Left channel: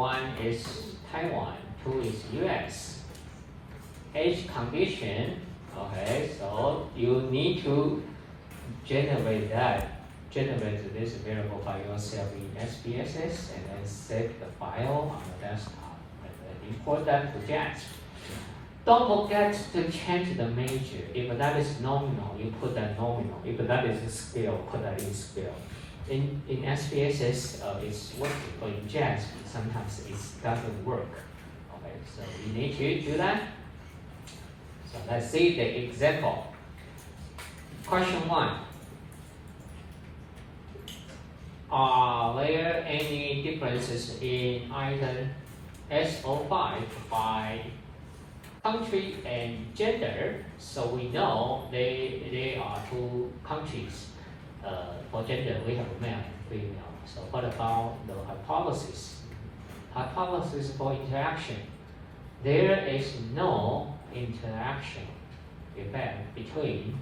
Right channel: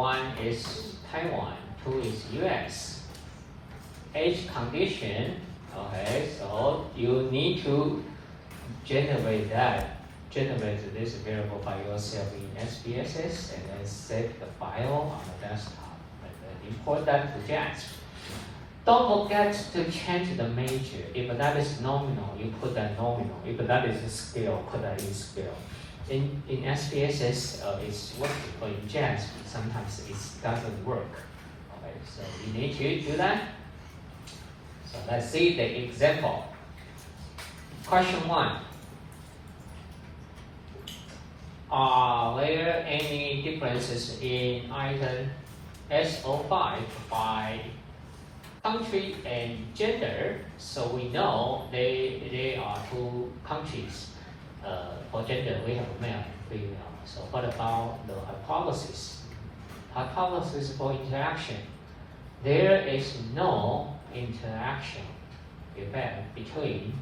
1 is Taiwan, 2 is US. Each condition, okay, so you need to generate this variable by yourself in SPSS and then save the file on the desktop and then import that to JAX. Don't forget to change the major. If that is nominal, you put that nominal. If that is scale, put that in scale. In SPSS, it's working, but in JAX, sometimes it doesn't work. Okay, so you need to do that. So let's see the example. Question 1. Are there any differences in item SO5 by country and gender? So we know they are two countries. For gender, we have male and female. So what about the hypothesis? Hypothesis for interaction. There is no interaction effect between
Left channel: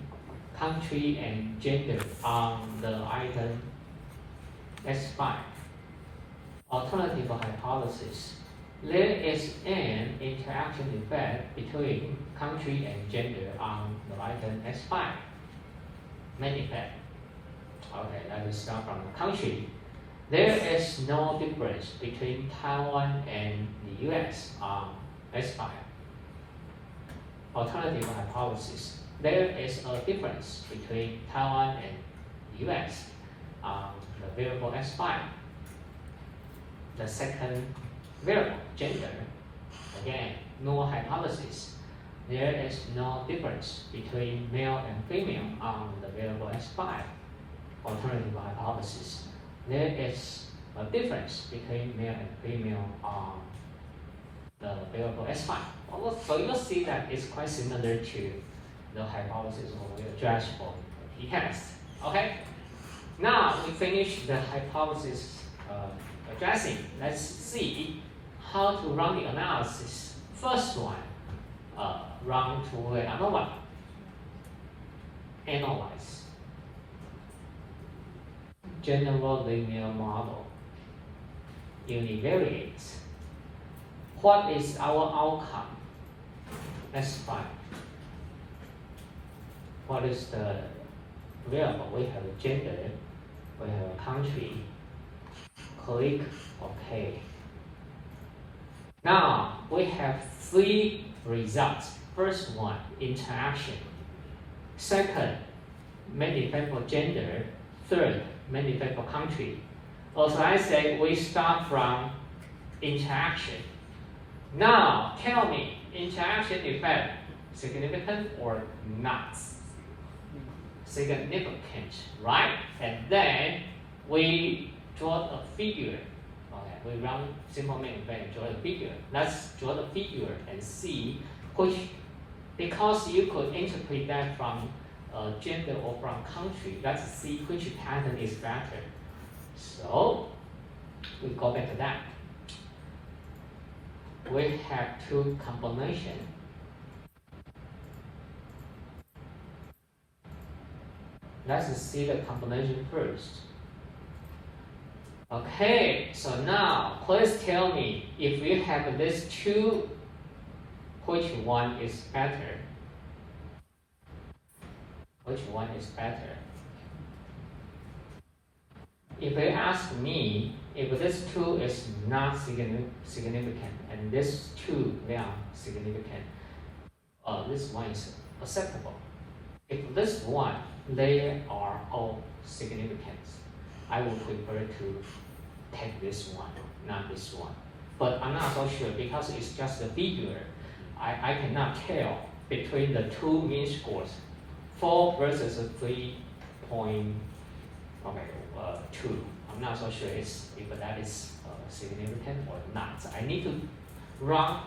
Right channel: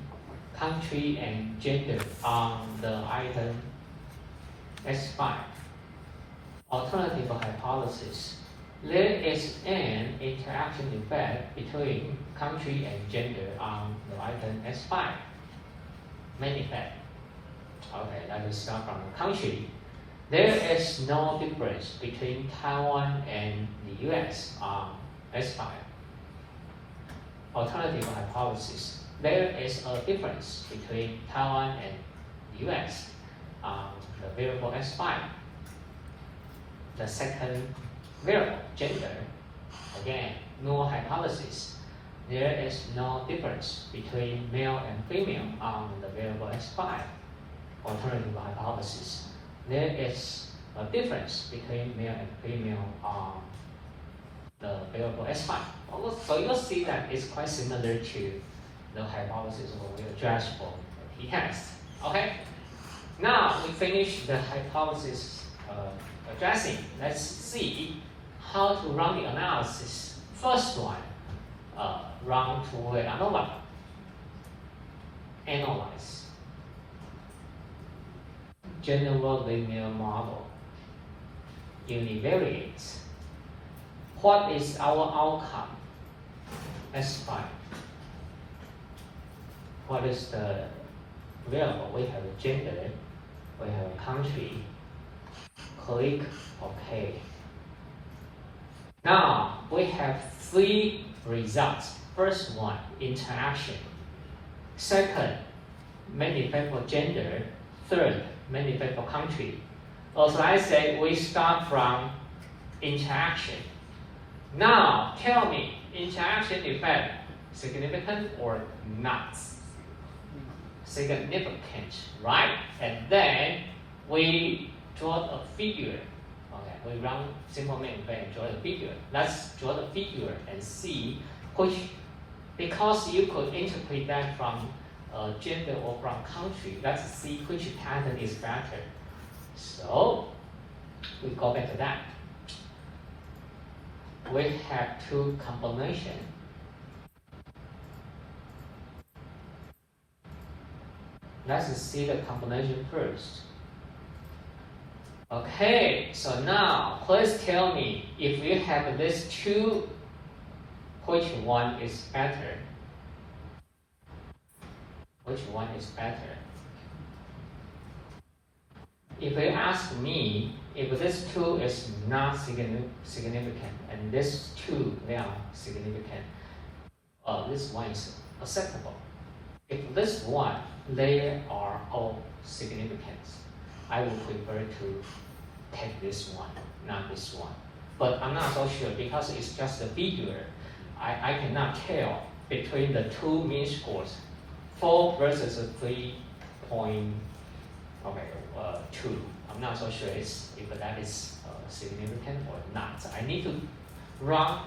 country and gender on the item S5. Alternative hypothesis. There is an interaction effect between country and gender on the item S5. Main effect. Okay, let me start from the country. There is no difference between Taiwan and the US on S5. Alternative hypothesis. There is a difference between Taiwan and the US on the variable S5. The second variable, gender. Again, null hypothesis. There is no difference between male and female on the variable S5. Alternative hypothesis. There is a difference between male and female on the variable S5. So you'll see that it's quite similar to the hypothesis we addressed for t-test. Okay? Now we finish the hypothesis addressing. Let's see how to run the analysis. First one, run to anomaly. Analyze. General linear model. Univariate. What is our outcome? S5. What is the variable? We have gender, we have a country. Click OK. Now we have 3 results. First one, interaction. Second, main effect for gender. Third, main effect for country. Also, I say we start from interaction. Now tell me, interaction effect significant or not? Significant, right? And then we draw a figure. Okay, we run simple main effect and draw a figure. Let's draw the figure and see which, because you could interpret that from gender or from country. Let's see which pattern is better. So we go back to that. We have 2 combinations. Let's see the combination first. Okay, so now please tell me if you have these 2, which one is better? Which one is better? If you ask me, if this 2 is not significant and this 2 they are significant, this one is acceptable. If this one they are all significant, I would prefer to take this one, not this one. But I'm not so sure because it's just a figure. I cannot tell between the 2 mean scores, 4 versus 3.2. I'm not so sure if that is significant or not. I need to run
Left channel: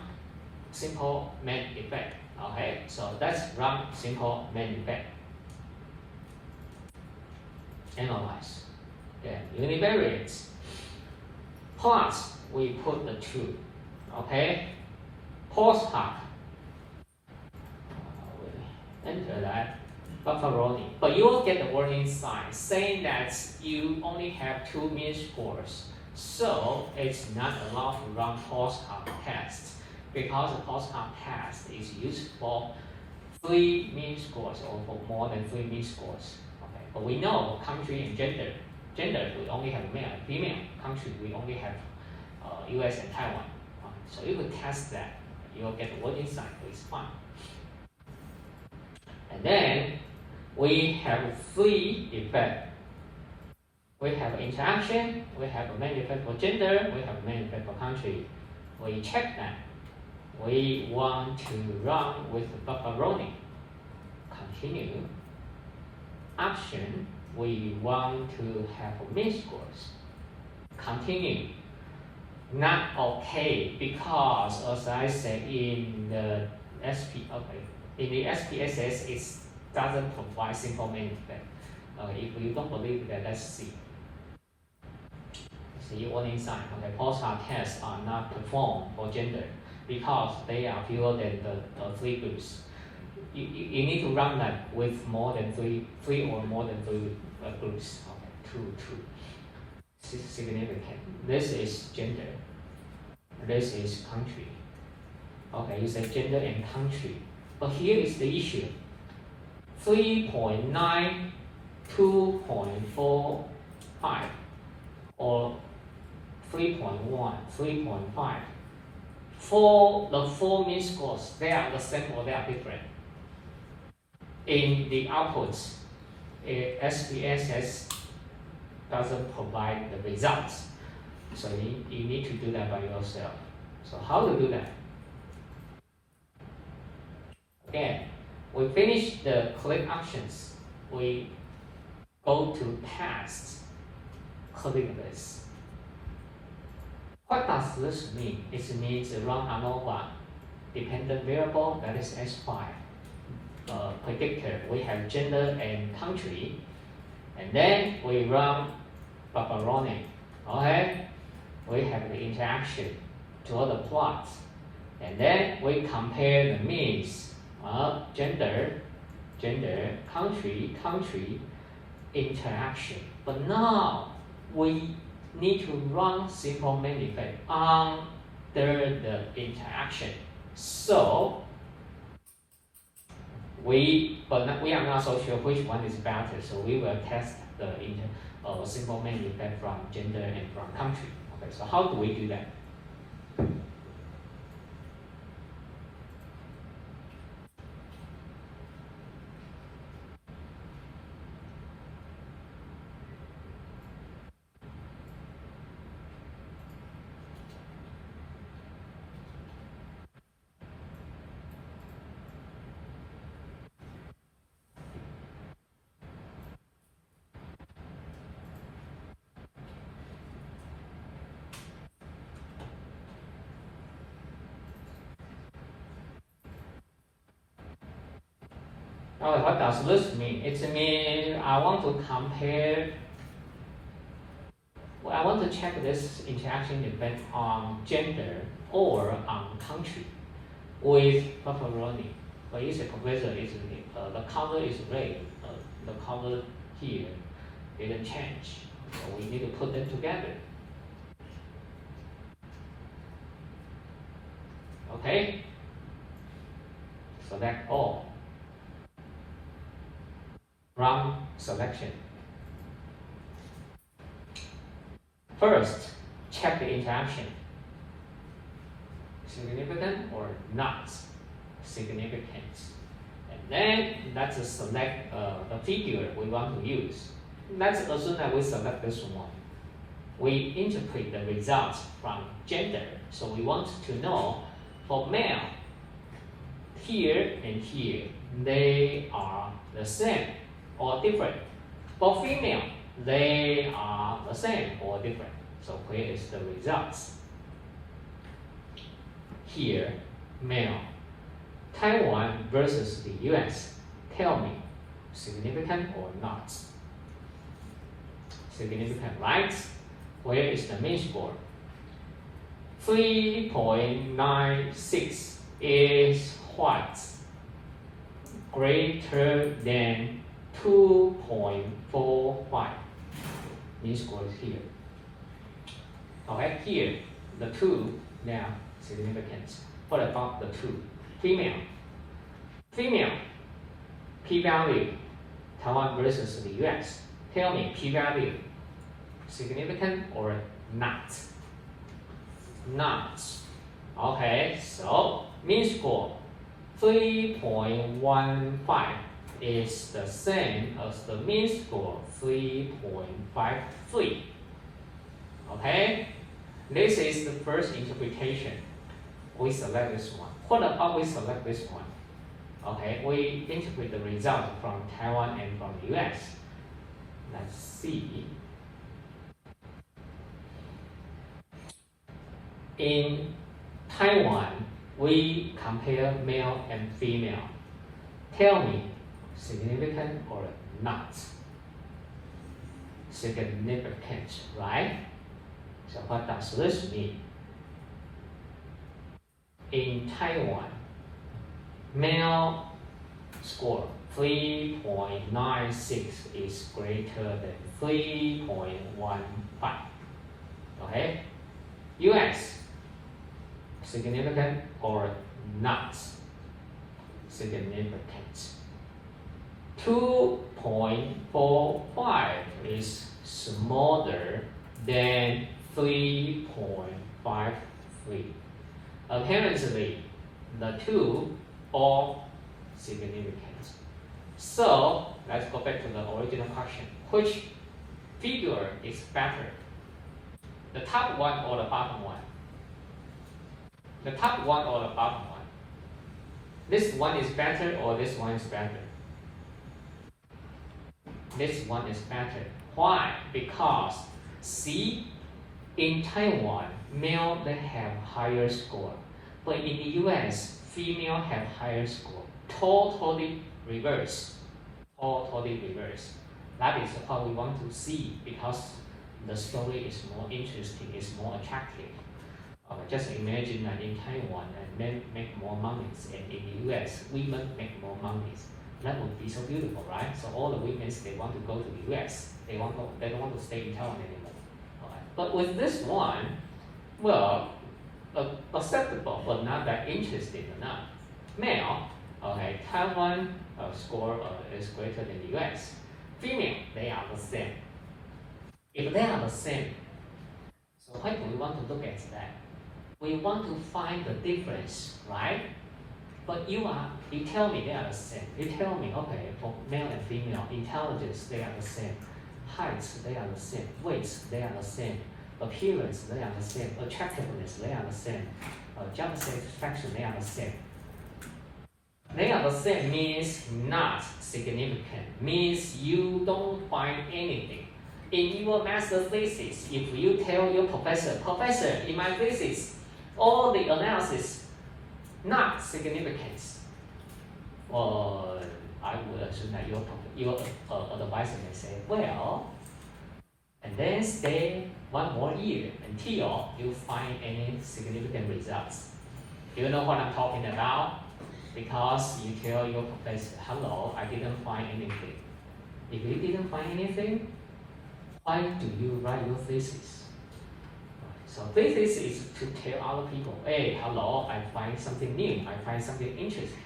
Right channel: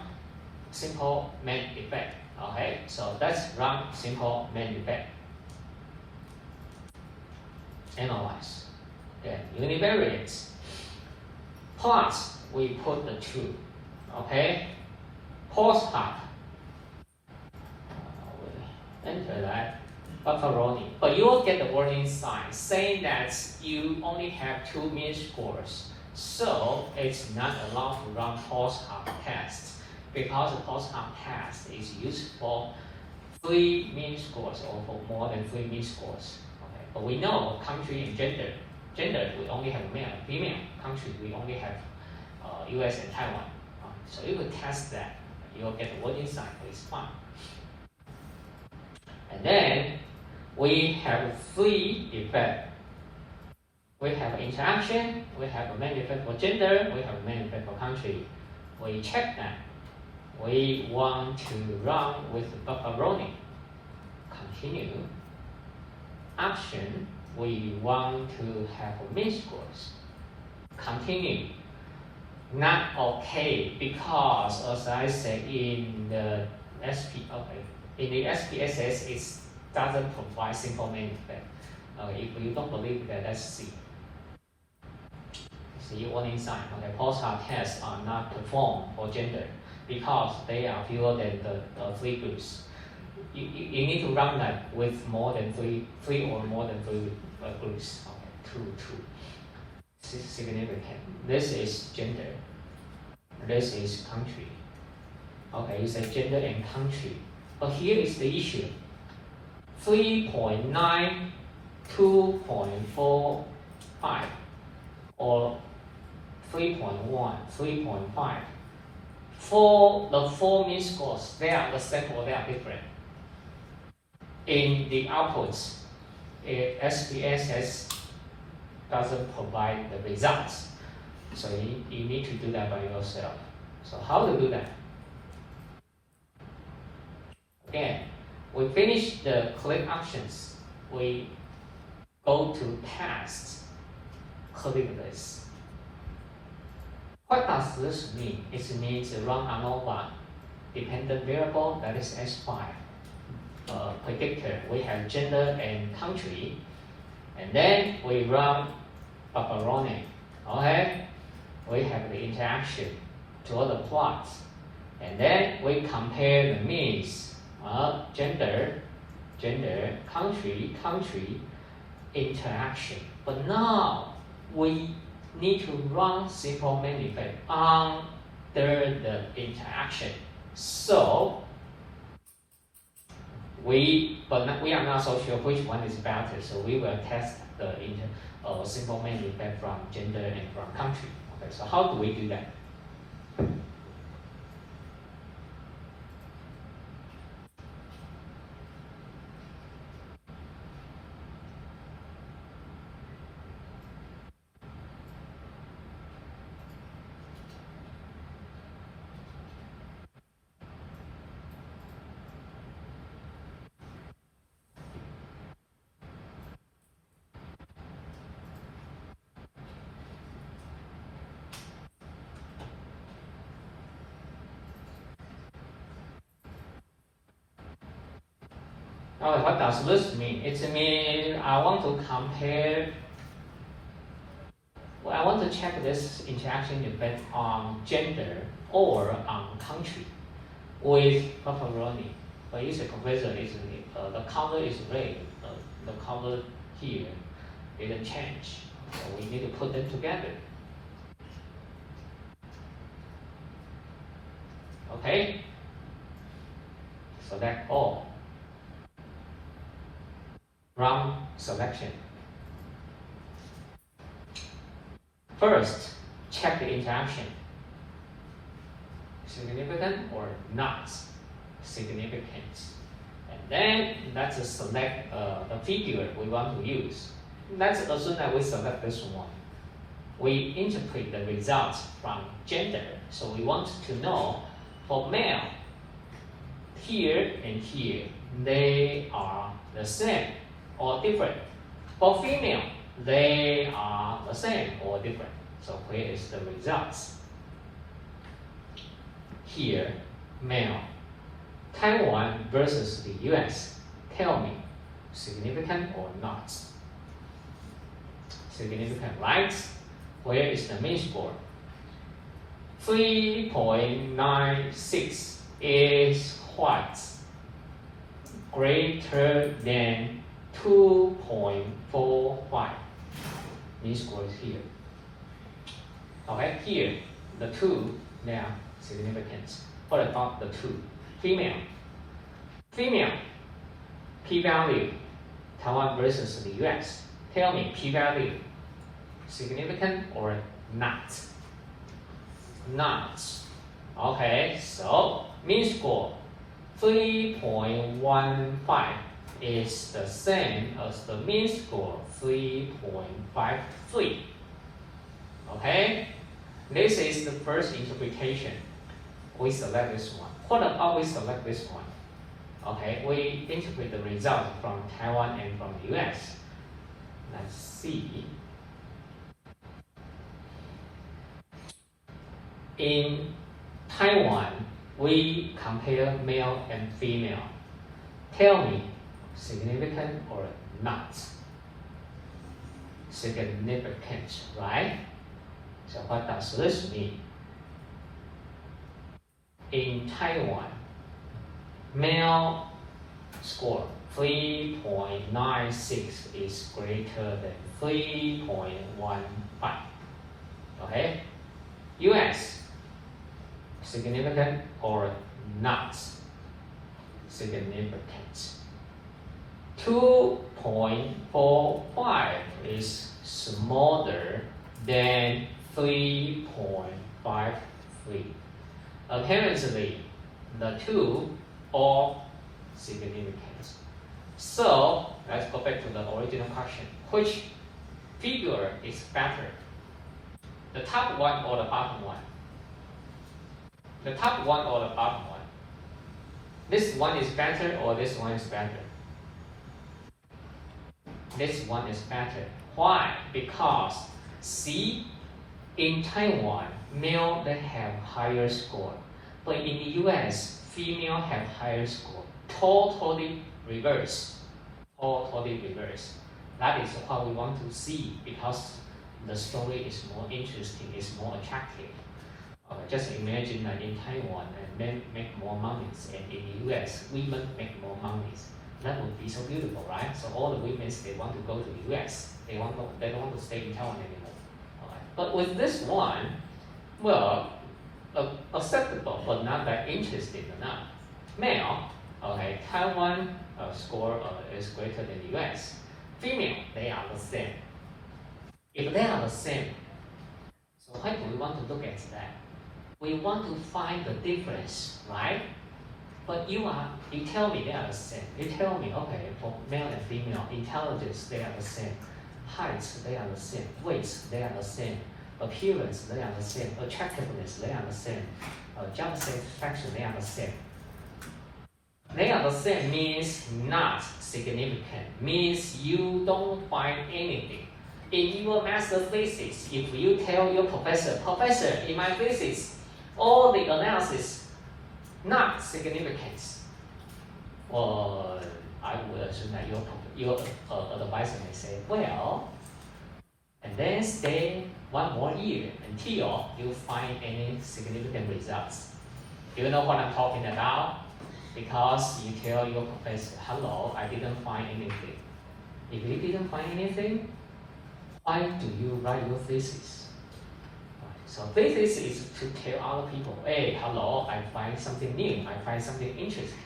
simple main effect. Okay, so let's run simple main effect. Analyze. Then univariate. Plus we put the 2. Okay. Post hoc. Enter that. Pepperoni. But you will get the warning sign saying that you only have 2 mean scores. So it's not allowed to run postcard tests because the postcard test is used for 3 mean scores or for more than 3 mean scores. Okay. But we know country and gender. Gender we only have male, female. Country we only have US and Taiwan. So you will test that. You'll get the warning sign, it's fine. And then we have 3 effects. We have interaction, we have a main effect for gender, we have a main effect for country. We check that. We want to run with buffer rolling. Continue. Action, we want to have mean scores. Continue. Not okay because, as I said in the SPSS, it doesn't provide simple main effect. If you don't believe that, let's see. See warning sign. Okay, postcard tests are not performed for gender because they are fewer than the 3 groups. You need to run that with more than three or more than 3 groups. Okay, two. Significant. This is gender. This is country. Okay, you say gender and country. But here is the issue. 3.9, 2.45, or 3.1, 3.5. For the 4 mean scores, they are the same or they are different. In the outputs, SPSS doesn't provide the results. So you need to do that by yourself. So how to do that? Again, we finish the click actions. We go to test, click this. What does this mean? It means run ANOVA dependent variable, that is S5. Predictor, we have gender and country. And then we run buffer rolling. Okay? We have the interaction, draw the plots. And then we compare the means of gender, country, interaction. But now we need to run simple main effect under the interaction. So we are not so sure which one is better. So we will test the simple main effect from gender and from country. Okay, so how do we do that? Now, what does this mean? It means I want to compare. Well, I want to check this interaction effect on gender or on country with buffer rolling. But it's a comparison, isn't it? The color is red. The color here didn't change. So we need to put them together. Okay? Select all. Run selection. First, check the interaction. Significant or not significant. And then let's select the figure we want to use. Let's assume that we select this one. We interpret the results from gender. So we want to know for male, here and here, they are the same or different. For female, they are the same or different. So here is the results. Here, male. Taiwan versus the US. Tell me, significant or not? Significant, right? Where is the mean score? 3.96 is what? Greater than 2.45. Mean score is here. here, the two, they are significant. What about the two? Female. Female, p-value, Taiwan versus the US. Tell me, p-value, significant or not? Not. Okay, so mean score 3.15 is the same as the mean score 3.53. Okay, this is the first interpretation. We select this one. What about we select this one? Okay, we interpret the result from Taiwan and from the US. Let's see. In Taiwan, we compare male and female. Tell me, significant or not? Significant, right? So what does this mean? In Taiwan, male score 3.96 is greater than 3.15. Okay? US, significant or not significant? 2.45 is smaller than 3.53. Apparently, the two are significant. So, let's go back to the original question. Which figure is better? The top one or the bottom one? The top one or the bottom one? This one is better or this one is better? This one is better. Why? Because see, in Taiwan, male they have higher score, but in the US, female have higher score. Totally reverse. Totally reverse. That is what we want to see because the story is more interesting, is more attractive. Just imagine that in Taiwan, men make more money, and in the US, women make more money. That would be so beautiful, right? So all the women they want to go to the US. They don't want to stay in Taiwan anymore. But with this one, well, acceptable, but not that interesting enough. Male, okay, Taiwan score is greater than the US. Female, they are the same. If they are the same, so why do we want to look at that? We want to find the difference, right? But you tell me they are the same. You tell me, okay, for male and female, intelligence, they are the same. Heights, they are the same. Weights, they are the same. Appearance, they are the same. Attractiveness, they are the same. Job satisfaction, they are the same. They are the same means not significant, means you don't find anything. In your master thesis, if you tell your professor, in my thesis, all the analysis not significant, well, I would assume that your advisor may say, well, and then stay one more year until you find any significant results. Do you know what I'm talking about? Because you tell your professor, hello, I didn't find anything. If you didn't find anything, why do you write your thesis? So thesis is to tell other people, hey, hello, I find something new, I find something interesting.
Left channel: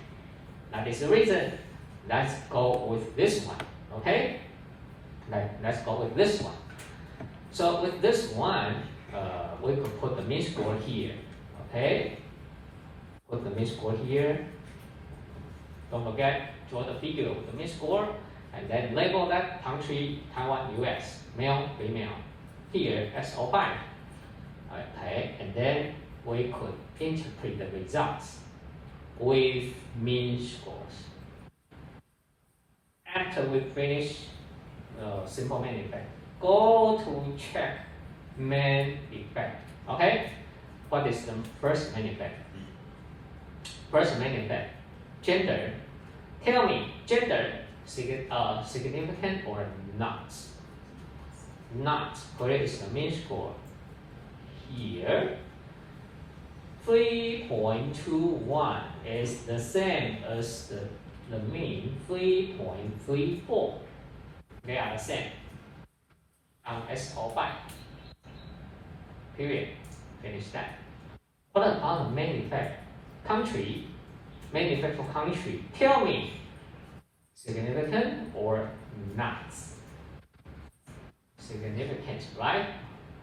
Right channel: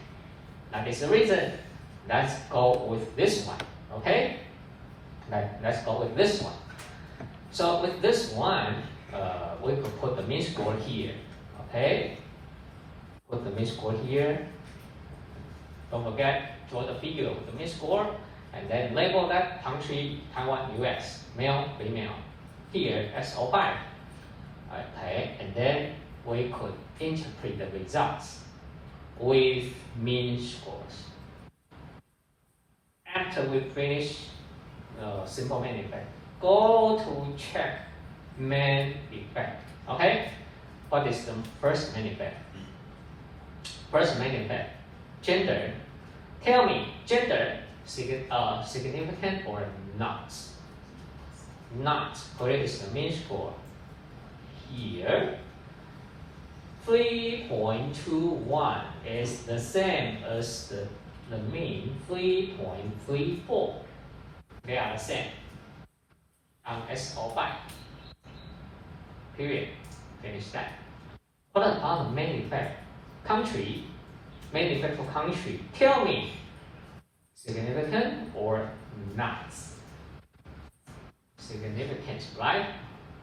That is the reason. Let's go with this one, okay? Let's go with this one. So with this one, we could put the mean score here, okay? Put the mean score here. Don't forget, draw the figure with the mean score, and then label that country, Taiwan, US, male, female. Here, SO5. Okay, and then we could interpret the results with mean scores. After we finish simple main effect, go to check main effect. Okay, what is the first main effect? First main effect, gender. Tell me, gender significant or not? Not. Where is the mean score? Here, 3.21 is the same as the mean 3.34. They are the same on SO5. Period. Finish that. What about the main effect? Country. Main effect for country. Tell me. Significant or not? Significant, right?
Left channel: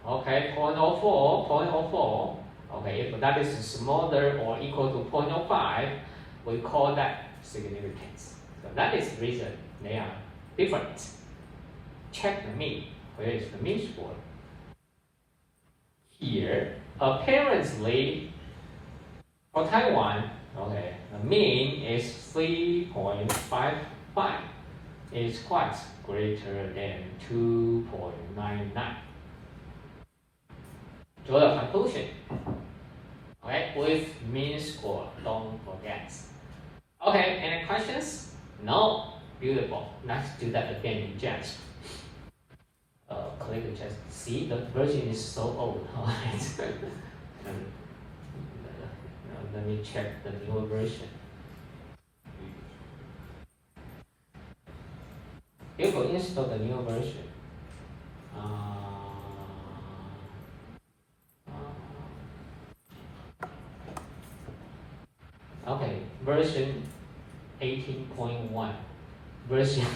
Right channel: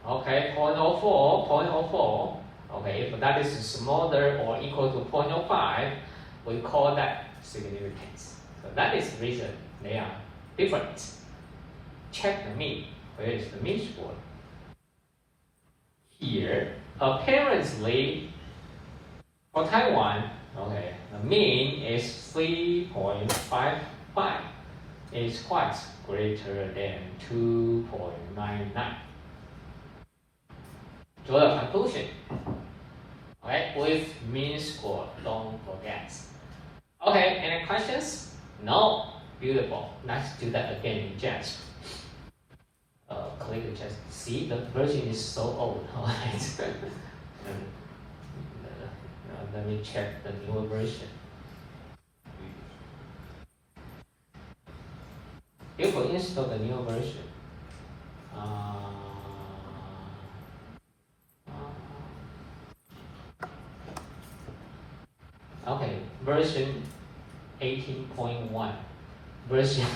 Okay, 0.04, 0.04. Okay, if that is smaller or equal to 0.05, we call that significance. So that is the reason they are different. Check the mean. Where is the mean score? Here, apparently, for Taiwan, okay, the mean is 3.55. It is quite greater than 2.99. Draw a conclusion. Okay, with mean score, don't forget. Okay, any questions? No? Beautiful. Let's do that again in JASP. Click just see the version is so old. Let me check the new version. You will install the new version. Okay, version 18.1. Version,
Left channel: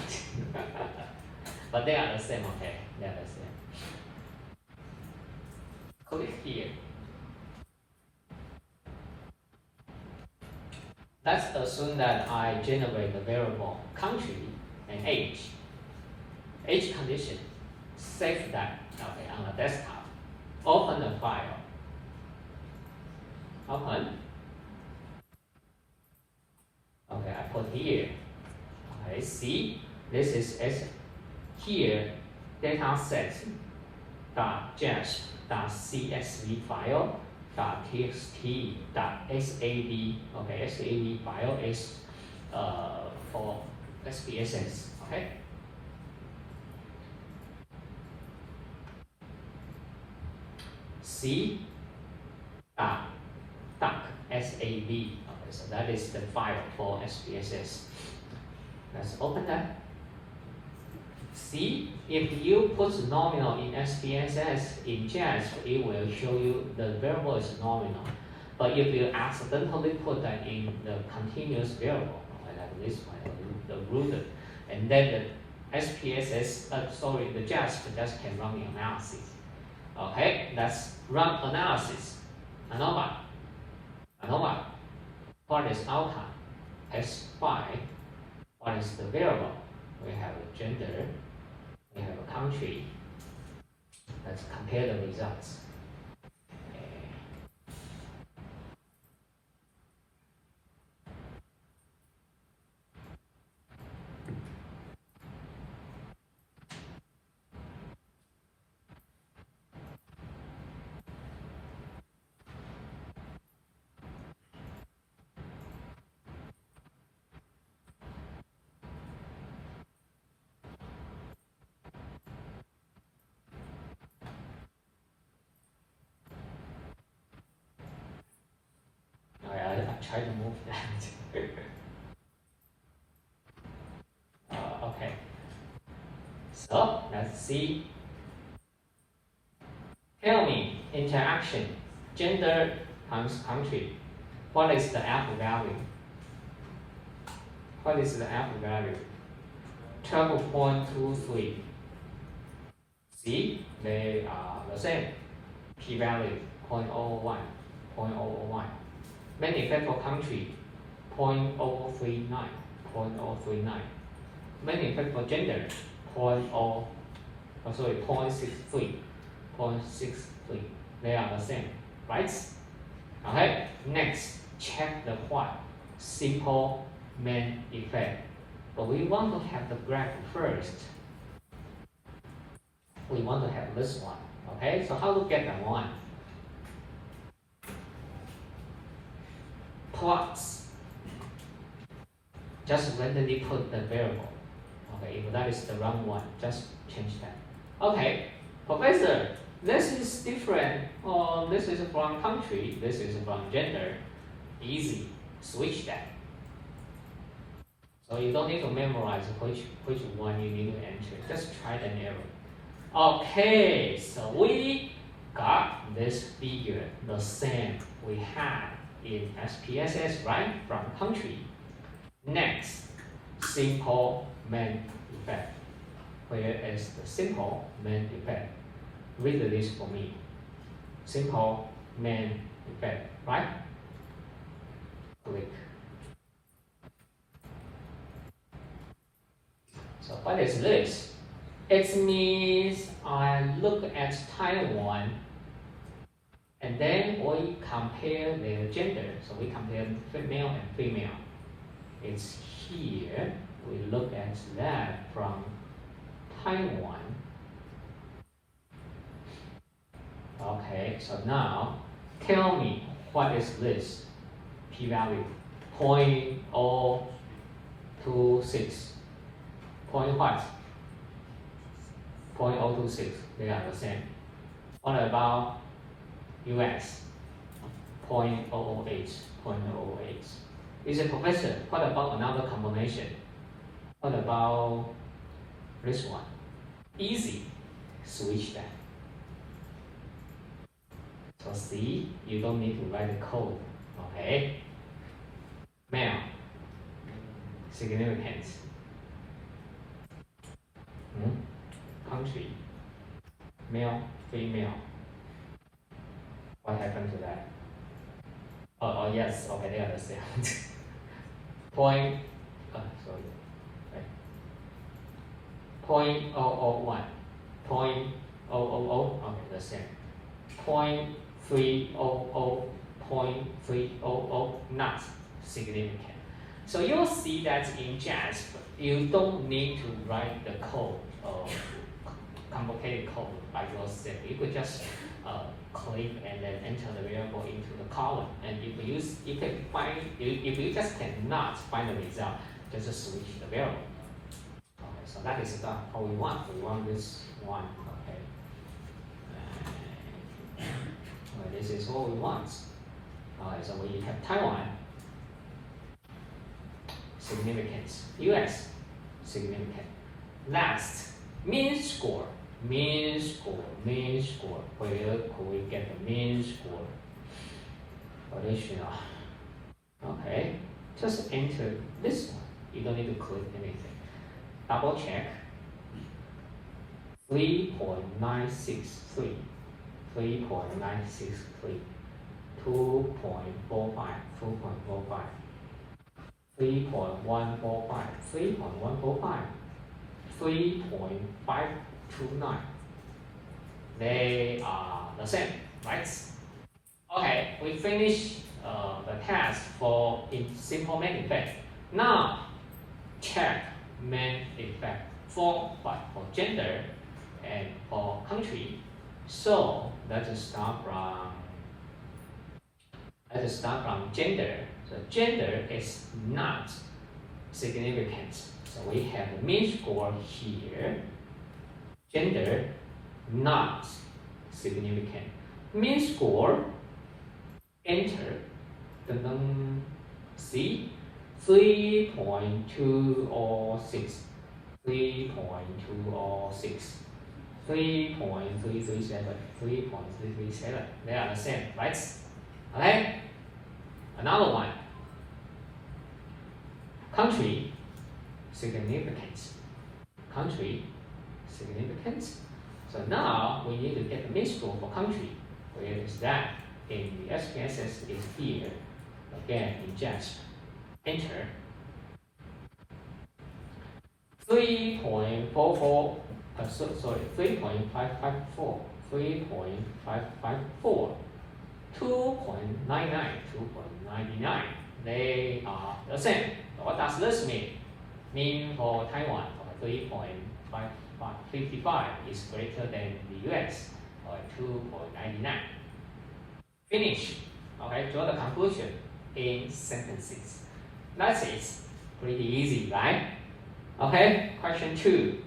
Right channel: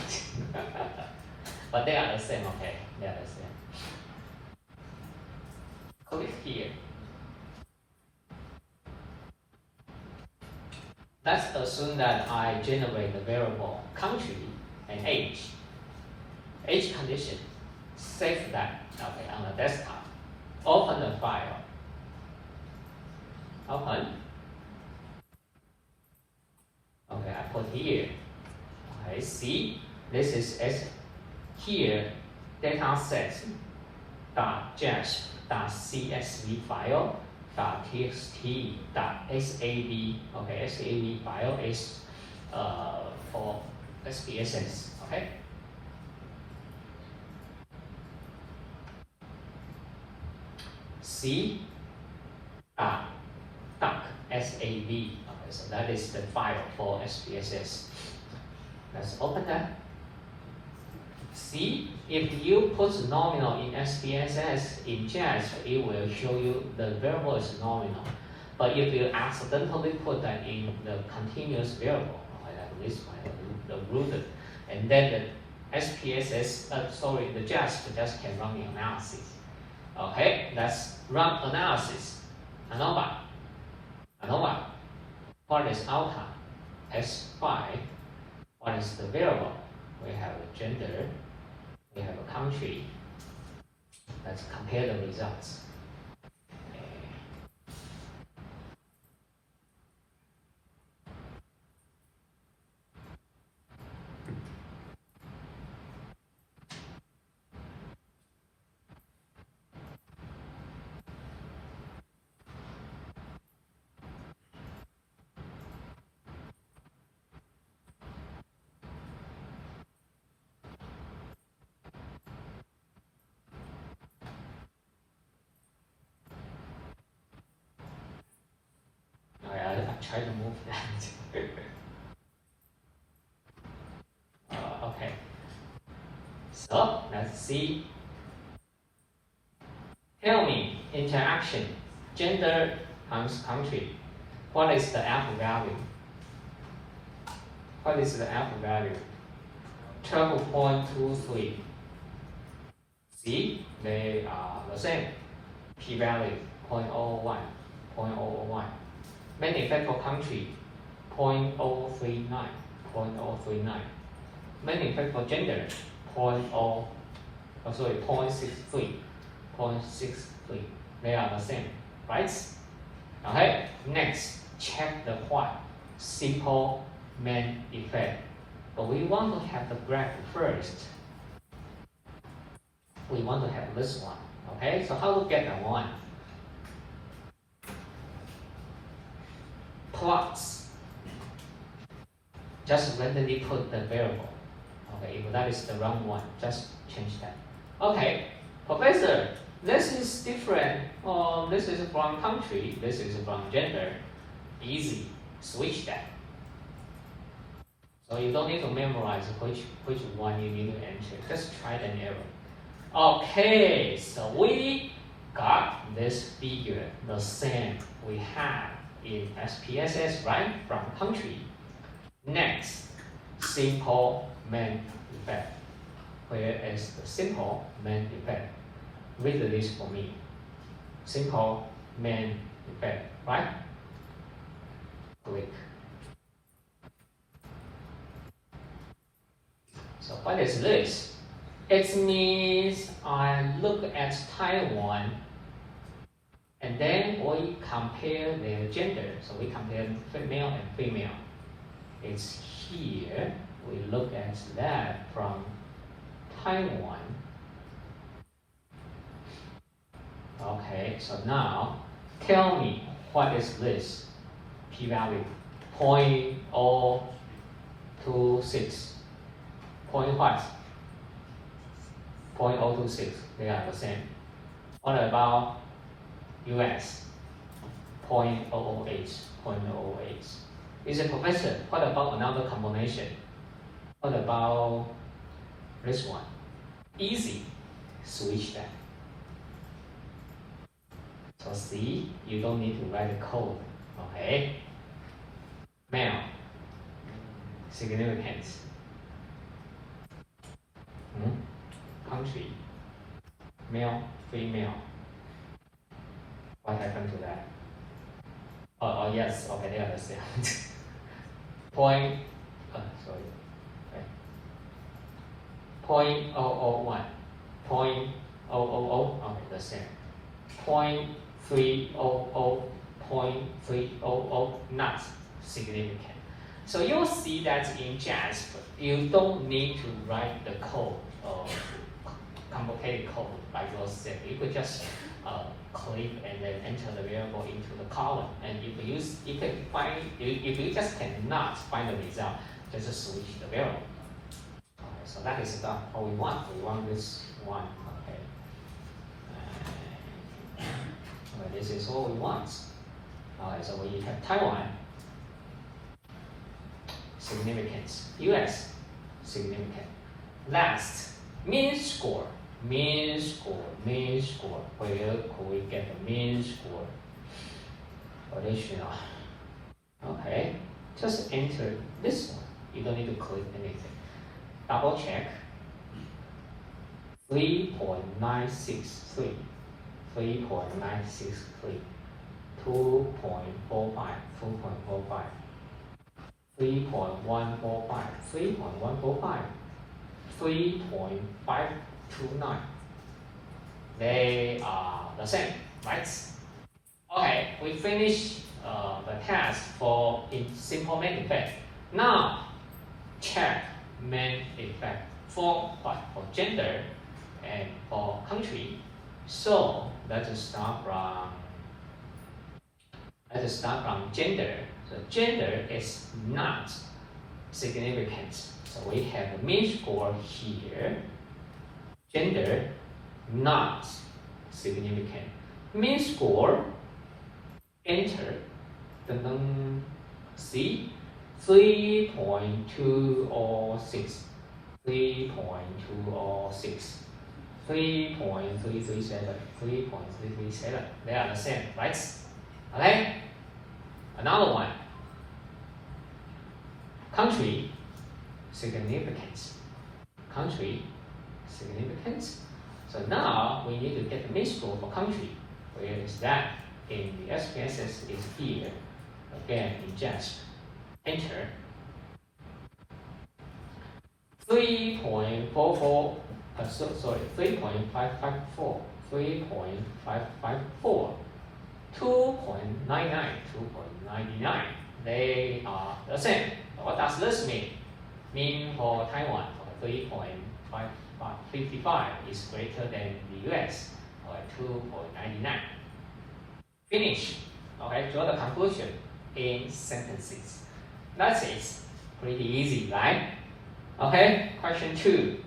but they are the same. Okay, they are the same. Click here. Let's assume that I generate the variable country and age. Age condition. Save that on the desktop. Open the file. Open. Okay, I put here. Okay, see, this is here dataset.jasp.csv file .txt.sab. Okay, sab file is for SPSS. Okay. C .sab. Okay, so that is the file for SPSS. Let's open that. See, if you put nominal in SPSS in JASP, it will show you the variable is nominal. But if you accidentally put that in the continuous variable, like this one, the rooted, and then the SPSS, the JASP just can run the analysis. Okay, let's run analysis. ANOVA. What is outcome? S5. What is the variable? We have a gender. We have a country. Let's compare the results. I try to move that. Okay. So let's see. Tell me interaction, gender times country. What is the alpha value? What is the alpha value? 12.23. See, they are the same. P-value 0.01, 0.001. Main effect for country 0.039, 0.039. Main effect for gender 0.63, 0.63. They are the same, right? Okay. Next, check the what? Simple main effect. But we want to have the graph first. We want to have this one. Okay. So how to get that one? Plots. Just randomly put the variable. Okay, if that is the wrong one, just change that. Okay, professor, this is different. This is from country, this is from gender. Easy, switch that. So you don't need to memorize which one you need to enter. Just try and error. Okay, so we got this figure the same we had in SPSS, right? From country. Next, simple main effect. Where is the simple main effect? Read this for me. Simple main effect, right? Click. So what is this? It means I look at Taiwan and then we compare their gender. So we compare male and female. It's here. We look at that from Taiwan. Okay, so now tell me what is this p-value? 0.026. Point what? 0.026. They are the same. What about US? 0.008. 0.008. Is a professor. What about another combination? What about this one? Easy. Switch that. So see, you don't need to write the code. Okay. Male. Significance. Country. Male, female. What happened to that? Oh yes, okay, they are the same. Sorry. Okay. 0.001. 0.000, okay, the same. 0.300, 0.300, not significant. So you'll see that in JASP, you don't need to write the code, complicated code by yourself. You could just click and then enter the variable into the column. And if you just cannot find the result, just switch the variable. Okay, so that is what we want. We want this one. Okay, this is what we want. Okay, so we have Taiwan. Significance. US, significant. Last, mean score. Mean score. Where could we get the mean score? Additional. Okay, just enter this one. You don't need to click anything. Double check. 3.963. 3.963. 2.45. 3.145, 3.145, 3.529. They are the same, right? Okay, we finished the task for simple main effect. Now, check main effect for what? For gender and for country. So let's start from gender. So gender is not significant. So we have a mean score here. Gender not significant. Mean score, enter. See, 3.206. 3.206. 3.337. 3.337. They are the same, right? Okay. Another one. Country significance. Country significance. So now we need to get the mean score for country. Where is that? In the SPSS is here. Again, in just enter. 3.44. 3.554. 3.554. 2.99, 2.99. They are the same. What does this mean? Mean for Taiwan, 3.55 is greater than the US, 2.99. Finish. Okay, draw the conclusion in sentences. That is pretty easy, right? Okay, question 2.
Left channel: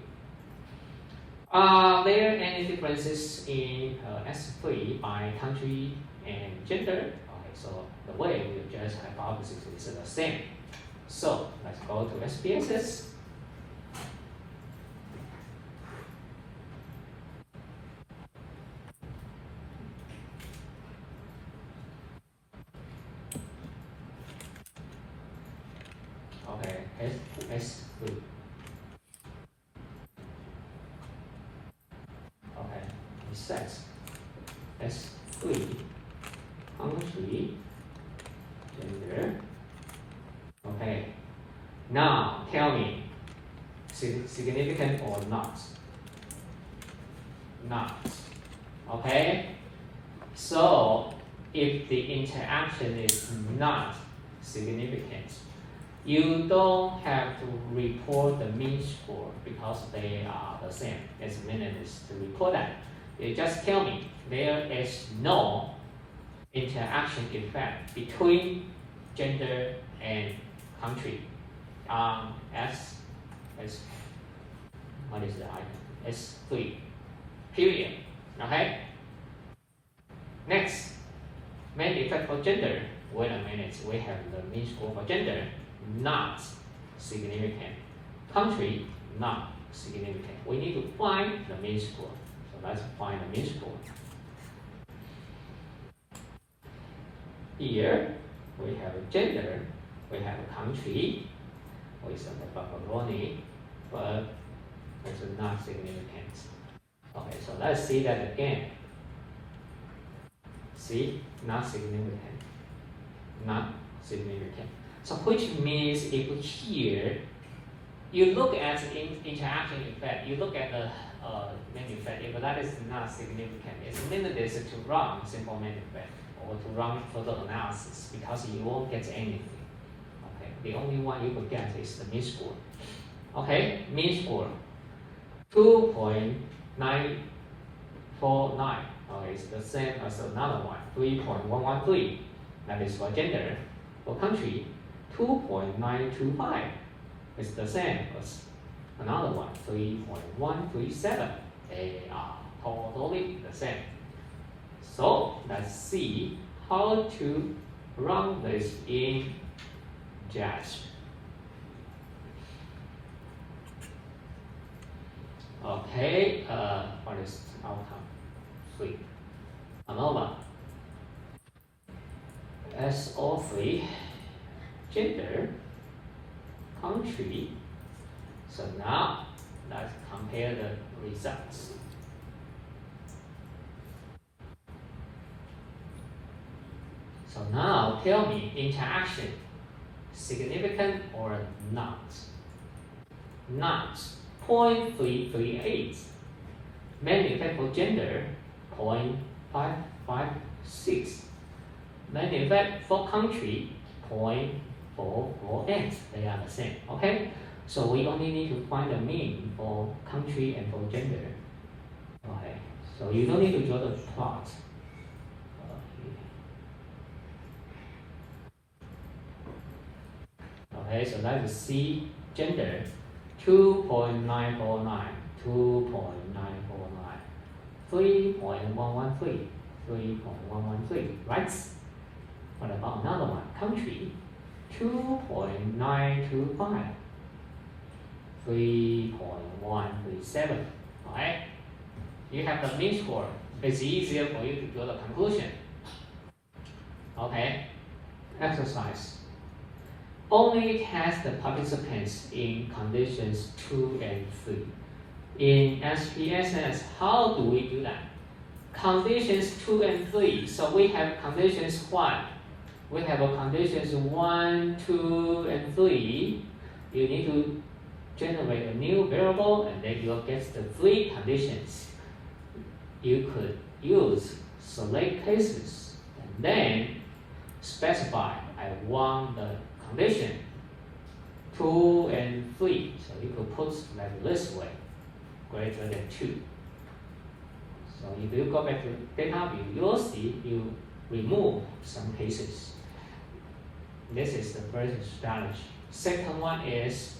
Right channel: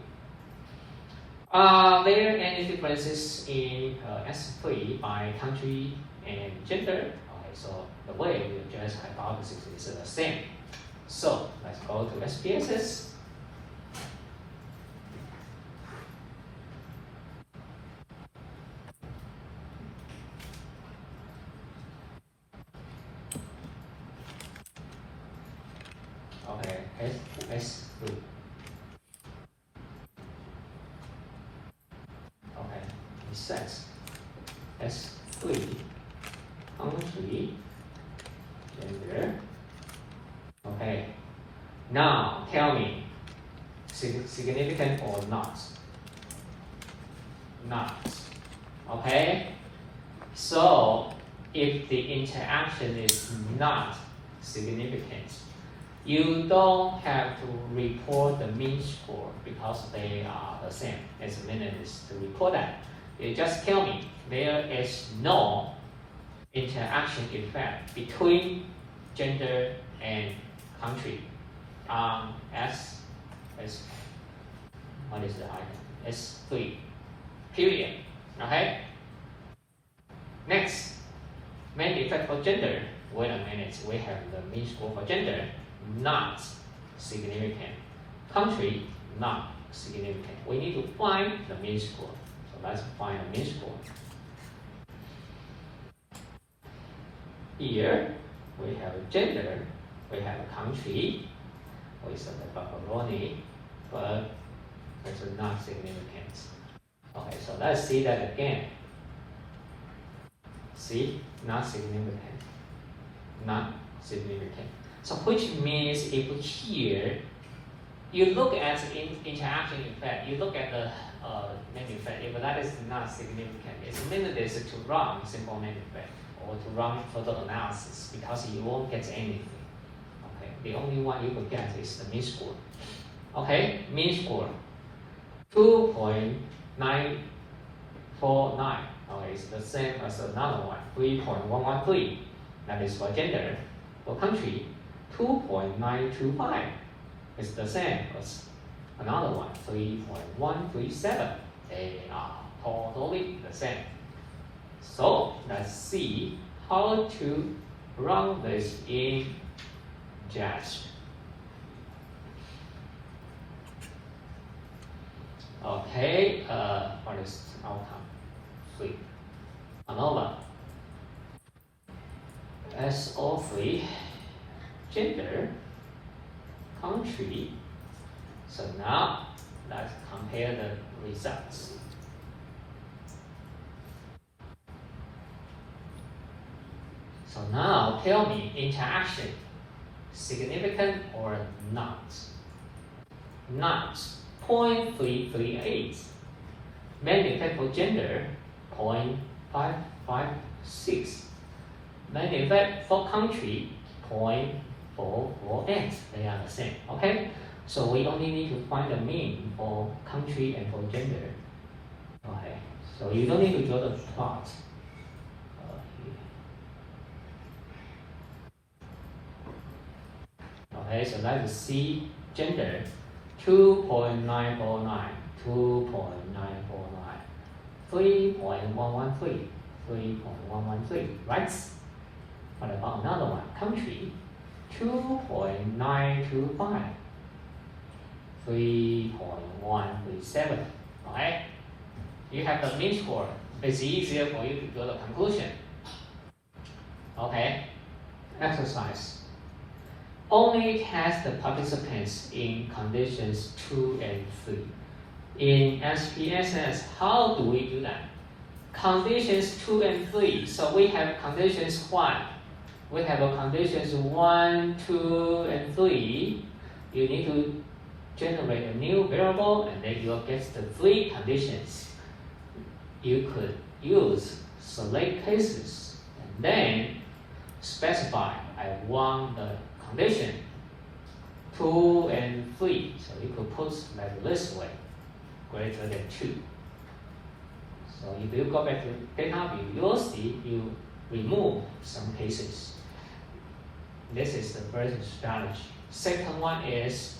Are there any differences in S3 by country and gender? Okay, so the way we address hypothesis is the same. So let's go to SPSS. S3. Okay, it says S3 country gender. Okay, now tell me, significant or not? Not. Okay, so if the interaction is not significant, you don't have to report the mean score because they are the same. It's meaningless to report that. You just tell me there is no interaction effect between gender and country. What is the item? S3. Period. Okay. Next, main effect for gender. Wait a minute. We have the mean score for gender, not significant. Country, not significant. We need to find the mean score. So let's find the mean score. Here we have a gender, we have a country, we saw the pepperoni, but it's not significant. Okay, so let's see that again. See, not significant, not significant. So which means if here you look at the interaction effect, you look at the main effect, if that is not significant, it's meaningless to run simple main effect or to run further analysis because you won't get anything. Okay, the only one you will get is the mean score. Okay, mean score 2.949. Okay, it's the same as another one, 3.113. That is for gender. For country, 2.925. It's the same as another one, 3.137. They are totally the same. So let's see how to run this in JASP. Okay, what is the outcome? 3. ANOVA. SO3, gender, country. So now let's compare the results. So now tell me, interaction, significant or not? Not. 0.338. Main effect for gender, 0.556. Main effect for country, 0.448. They are the same. Okay? So we only need to find the mean for country and for gender. Okay. So you don't need to draw the plot. Okay, so let's see gender 2.949, 2.949, 3.113, 3.113, right? What about another one? Country 2.925, 3.137. Okay? You have the mean score. It's easier for you to draw the conclusion. Okay? Exercise. Only test the participants in conditions 2 and 3. In SPSS, how do we do that? Conditions 2 and 3. So we have conditions 1. We have a conditions 1, 2, and 3. You need to generate a new variable and then you'll get the 3 conditions. You could use select cases and then specify I want the condition 2 and 3. So you could put like this way, greater than 2. So if you go back to data view, you'll see you remove some cases. This is the first strategy. Second one is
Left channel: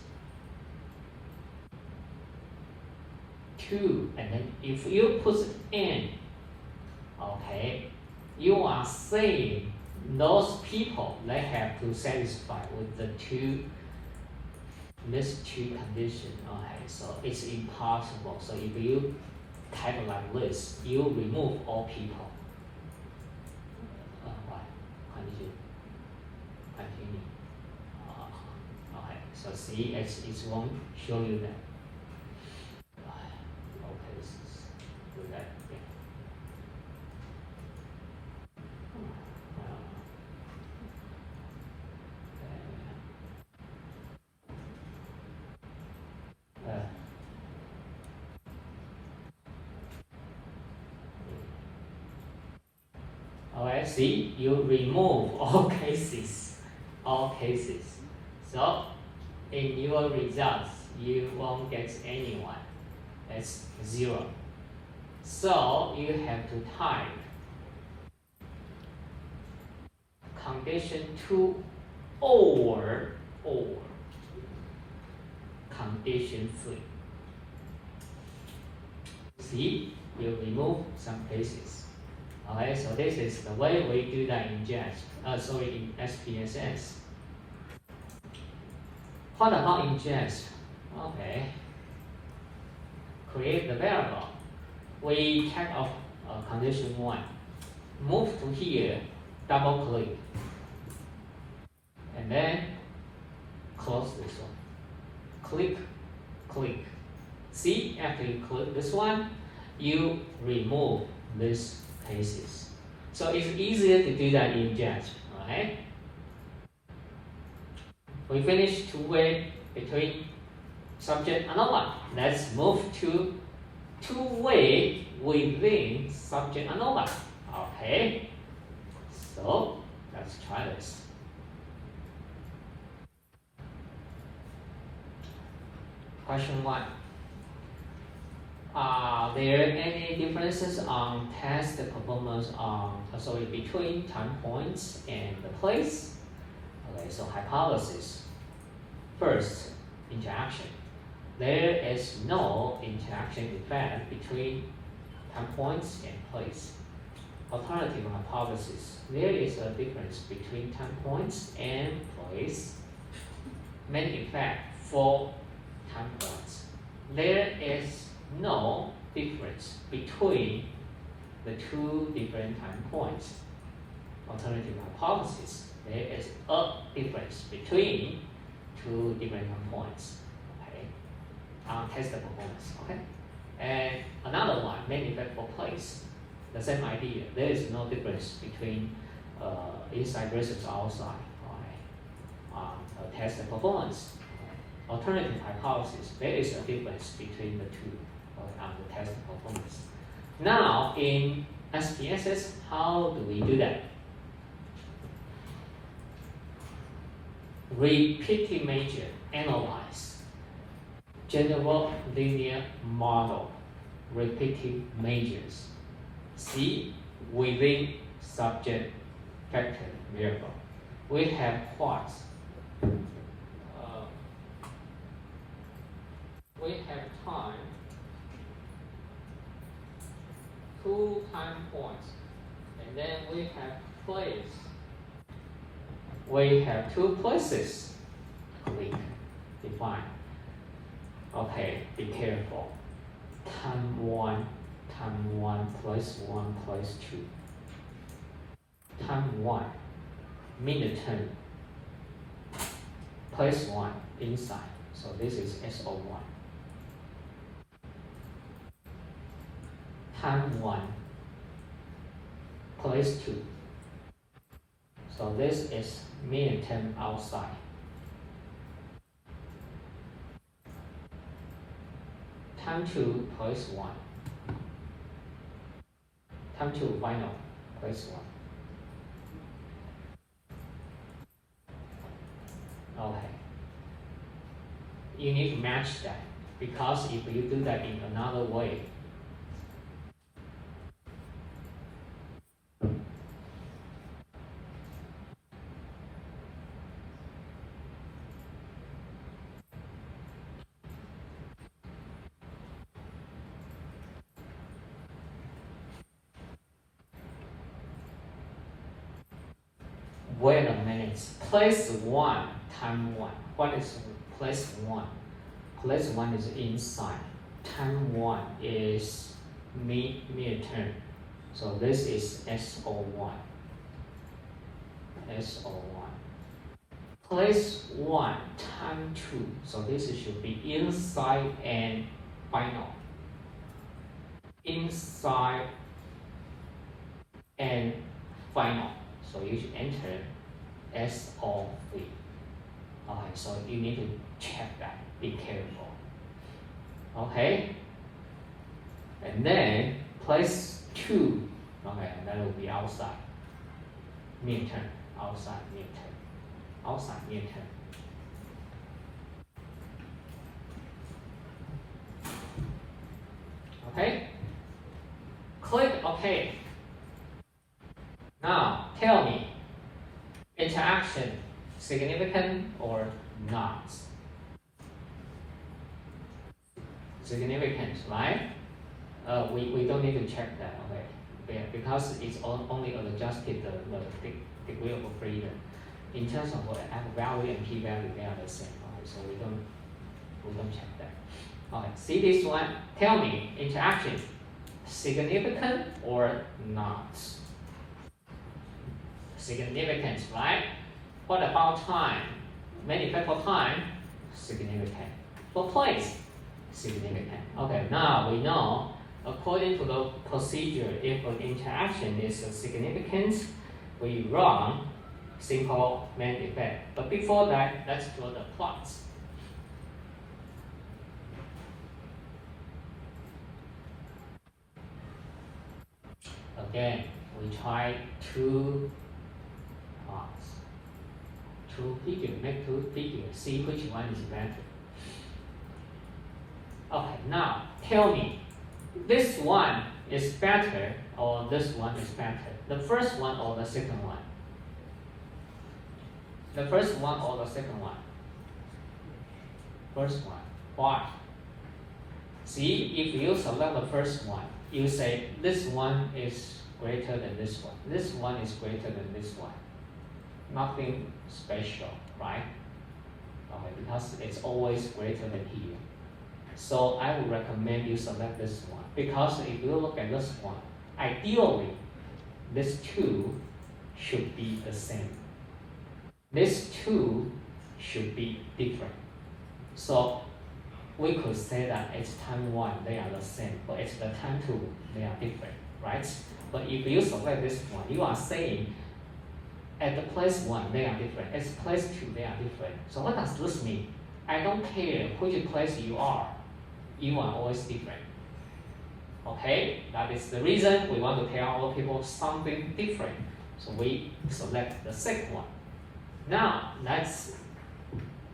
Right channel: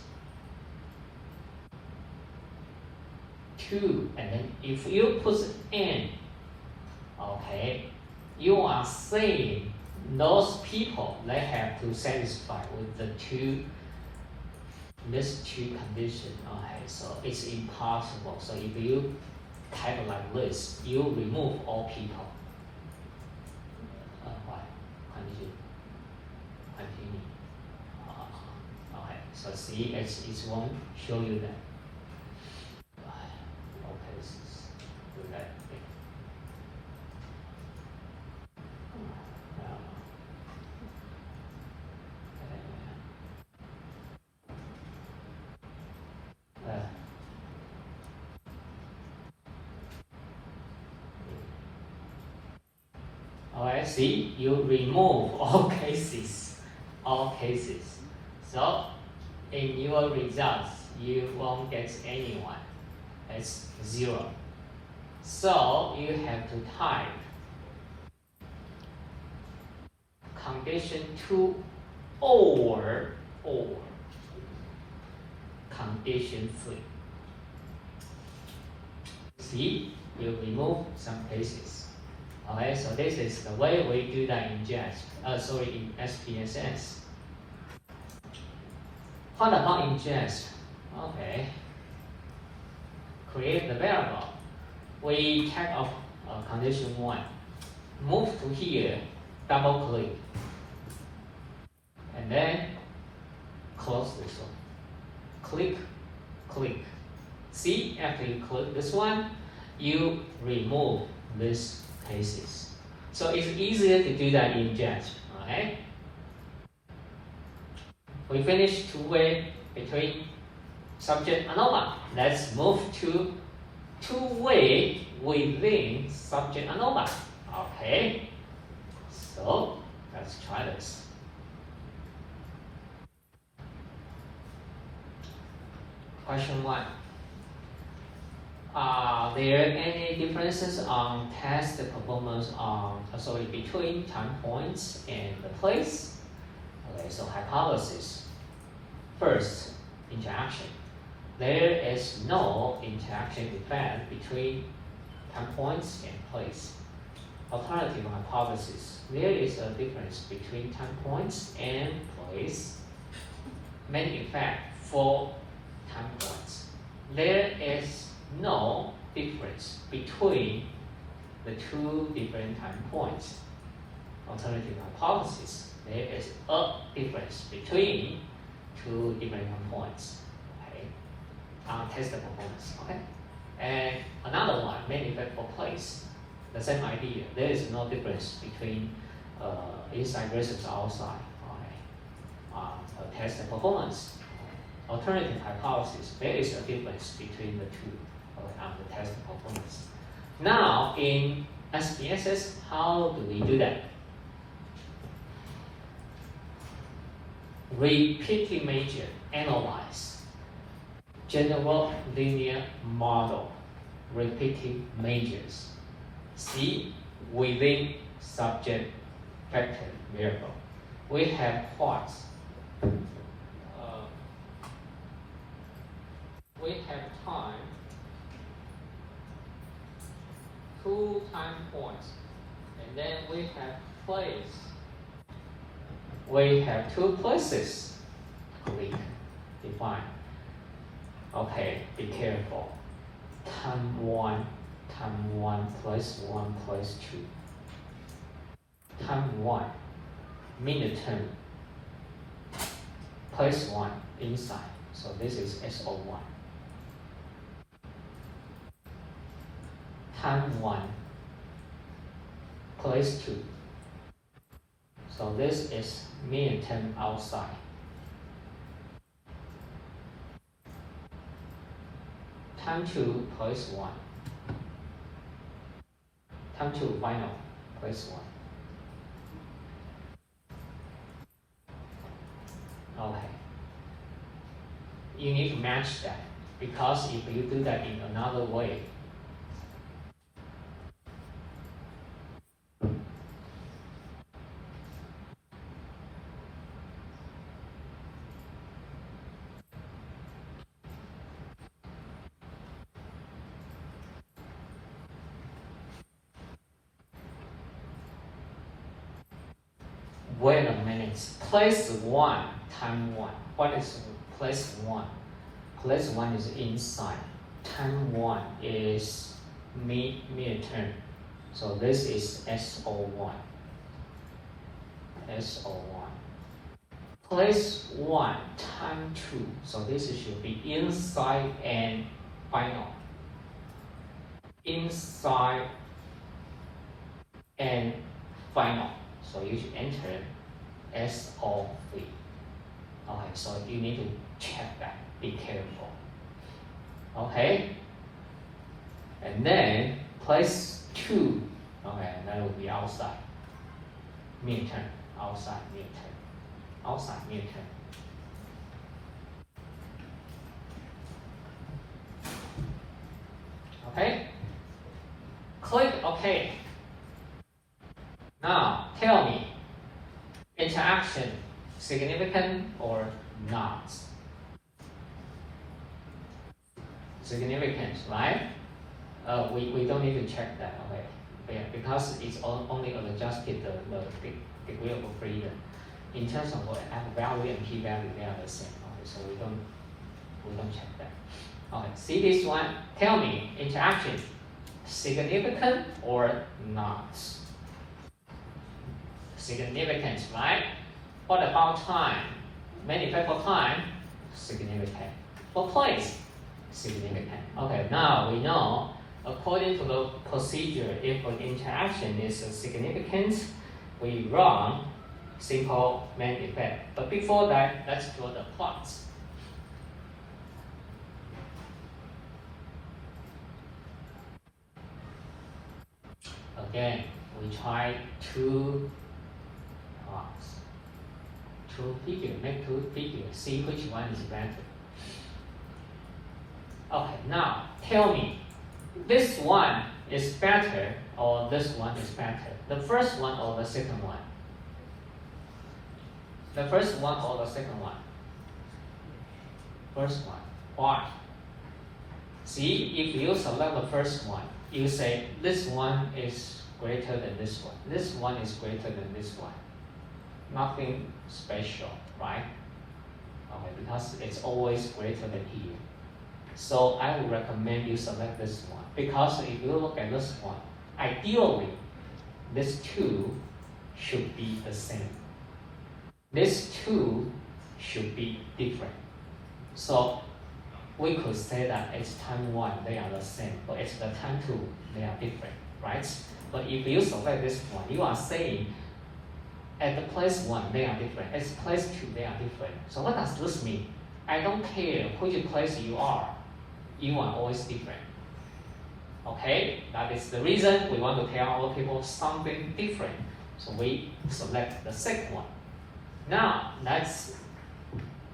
2, and then if you put n, okay, you are saying those people, they have to satisfy with this two condition. Okay, so it's impossible. So if you type like this, you remove all people. Continue. Okay, so see, it won't show you that. Okay, let's do that. Alright, see, you remove all cases. So, in your results, you won't get anyone. That's 0. So, you have to type condition 2 or condition 3. See, you remove some cases. Okay, so this is the way we do that in in SPSS. What about in jest? Okay, create the variable. We type of condition 1. Move to here, double click, and then close this one. Click. See, after you click this one, you remove this cases. So it's easier to do that in jest, right? We finished two-way between subject and object. Let's move to two-way within subject and object. Okay, so let's try this. Question 1. Are there any differences on test performance between time points and the place? Okay, so hypothesis. First, interaction. There is no interaction effect between time points and place. Alternative hypothesis. There is a difference between time points and place. Main effect for time points. There is no difference between the two different time points. Alternative hypothesis. There is a difference between two different time points. Okay, test the performance. Okay, and another one, main effect for place. The same idea. There is no difference between inside versus outside. Okay, test the performance. Alternative hypothesis. There is a difference between the two on the test performance. Now in SPSS, how do we do that? Repeating measure, analyze. General linear model, repeating measures. See, within subject factor variable, we have what? We have time, 2 time points, and then we have place. We have 2 places. Click, define. Okay, be careful. Time 1 place 1 place 2. Time 1, minute 10, place 1 inside. So this is SO1. Time 1, place 2. So this is minute 10 outside. Time 2, place 1. Time 2, final, place 1. Okay. You need to match that, because if you do that in another way, wait a minute. Place 1, time 1. What is place 1? Place 1 is inside. Time 1 is mid-term. So this is SO1. SO1. place 1 time 2. So this should be inside and final. Inside and final. So you should enter SO3. Alright, so you need to check that. Be careful. Okay. And then place 2. Okay, that will be outside. Midterm. Outside midterm. Outside midterm. Okay. Click OK. Now tell me, interaction significant or not? Significant, right? We don't need to check that, okay? Because it's only adjusted the degree of freedom. In terms of value and p-value, they are the same. Okay, so we don't check that. Okay, see this one. Tell me, interaction significant or not? Significant, right? What about time? Many factor time, significant. For place, significant. Okay, now we know, according to the procedure, if an interaction is significant, we run simple main effect. But before that, let's draw the plots. Again, we try two plots. Two figures, make two figures, see which one is better. Okay, now tell me, this one is better or this one is better? The first one or the second one? The first one or the second one? First one. Why? See, if you select the first one, you say this one is greater than this one. This one is greater than this one. Nothing special, right? Okay, because it's always greater than here. So I would recommend you select this one, because if you look at this one, ideally, these two should be the same. These two should be different. So we could say that it's time 1, they are the same, but it's the time 2, they are different, right? But if you select this one, you are saying at the place 1, they are different. At place 2, they are different. So what does this mean? I don't care which place you are always different. Okay, that is the reason we want to tell our people something different. So we select the second one. Now let's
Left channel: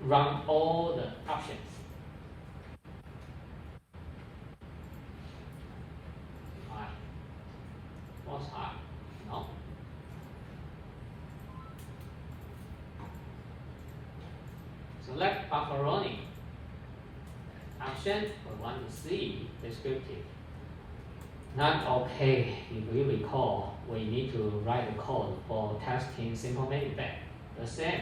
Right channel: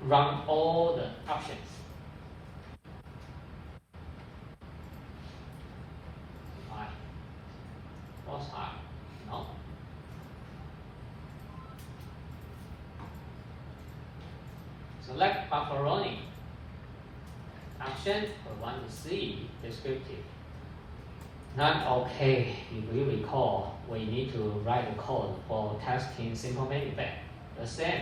run all the options. What's high? No. Select macaroni. Option we want to see descriptive. Not okay. If we recall, we need to write a code for testing simple main effect. The same.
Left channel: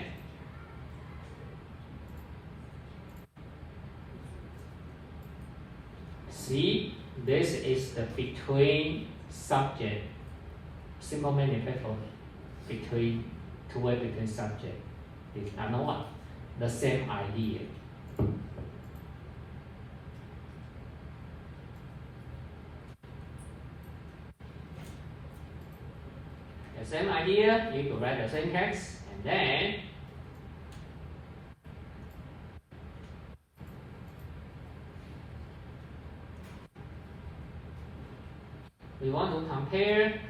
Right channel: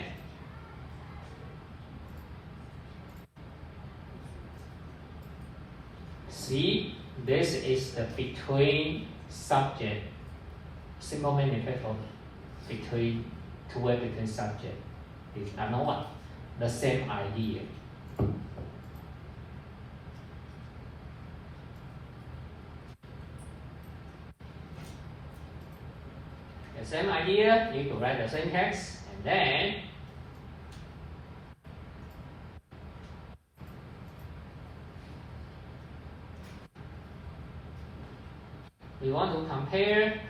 See, this is the between subject. Simple main effect of between two-way between subject is another one. The same idea. The same idea, you can write the syntax, and then we want to compare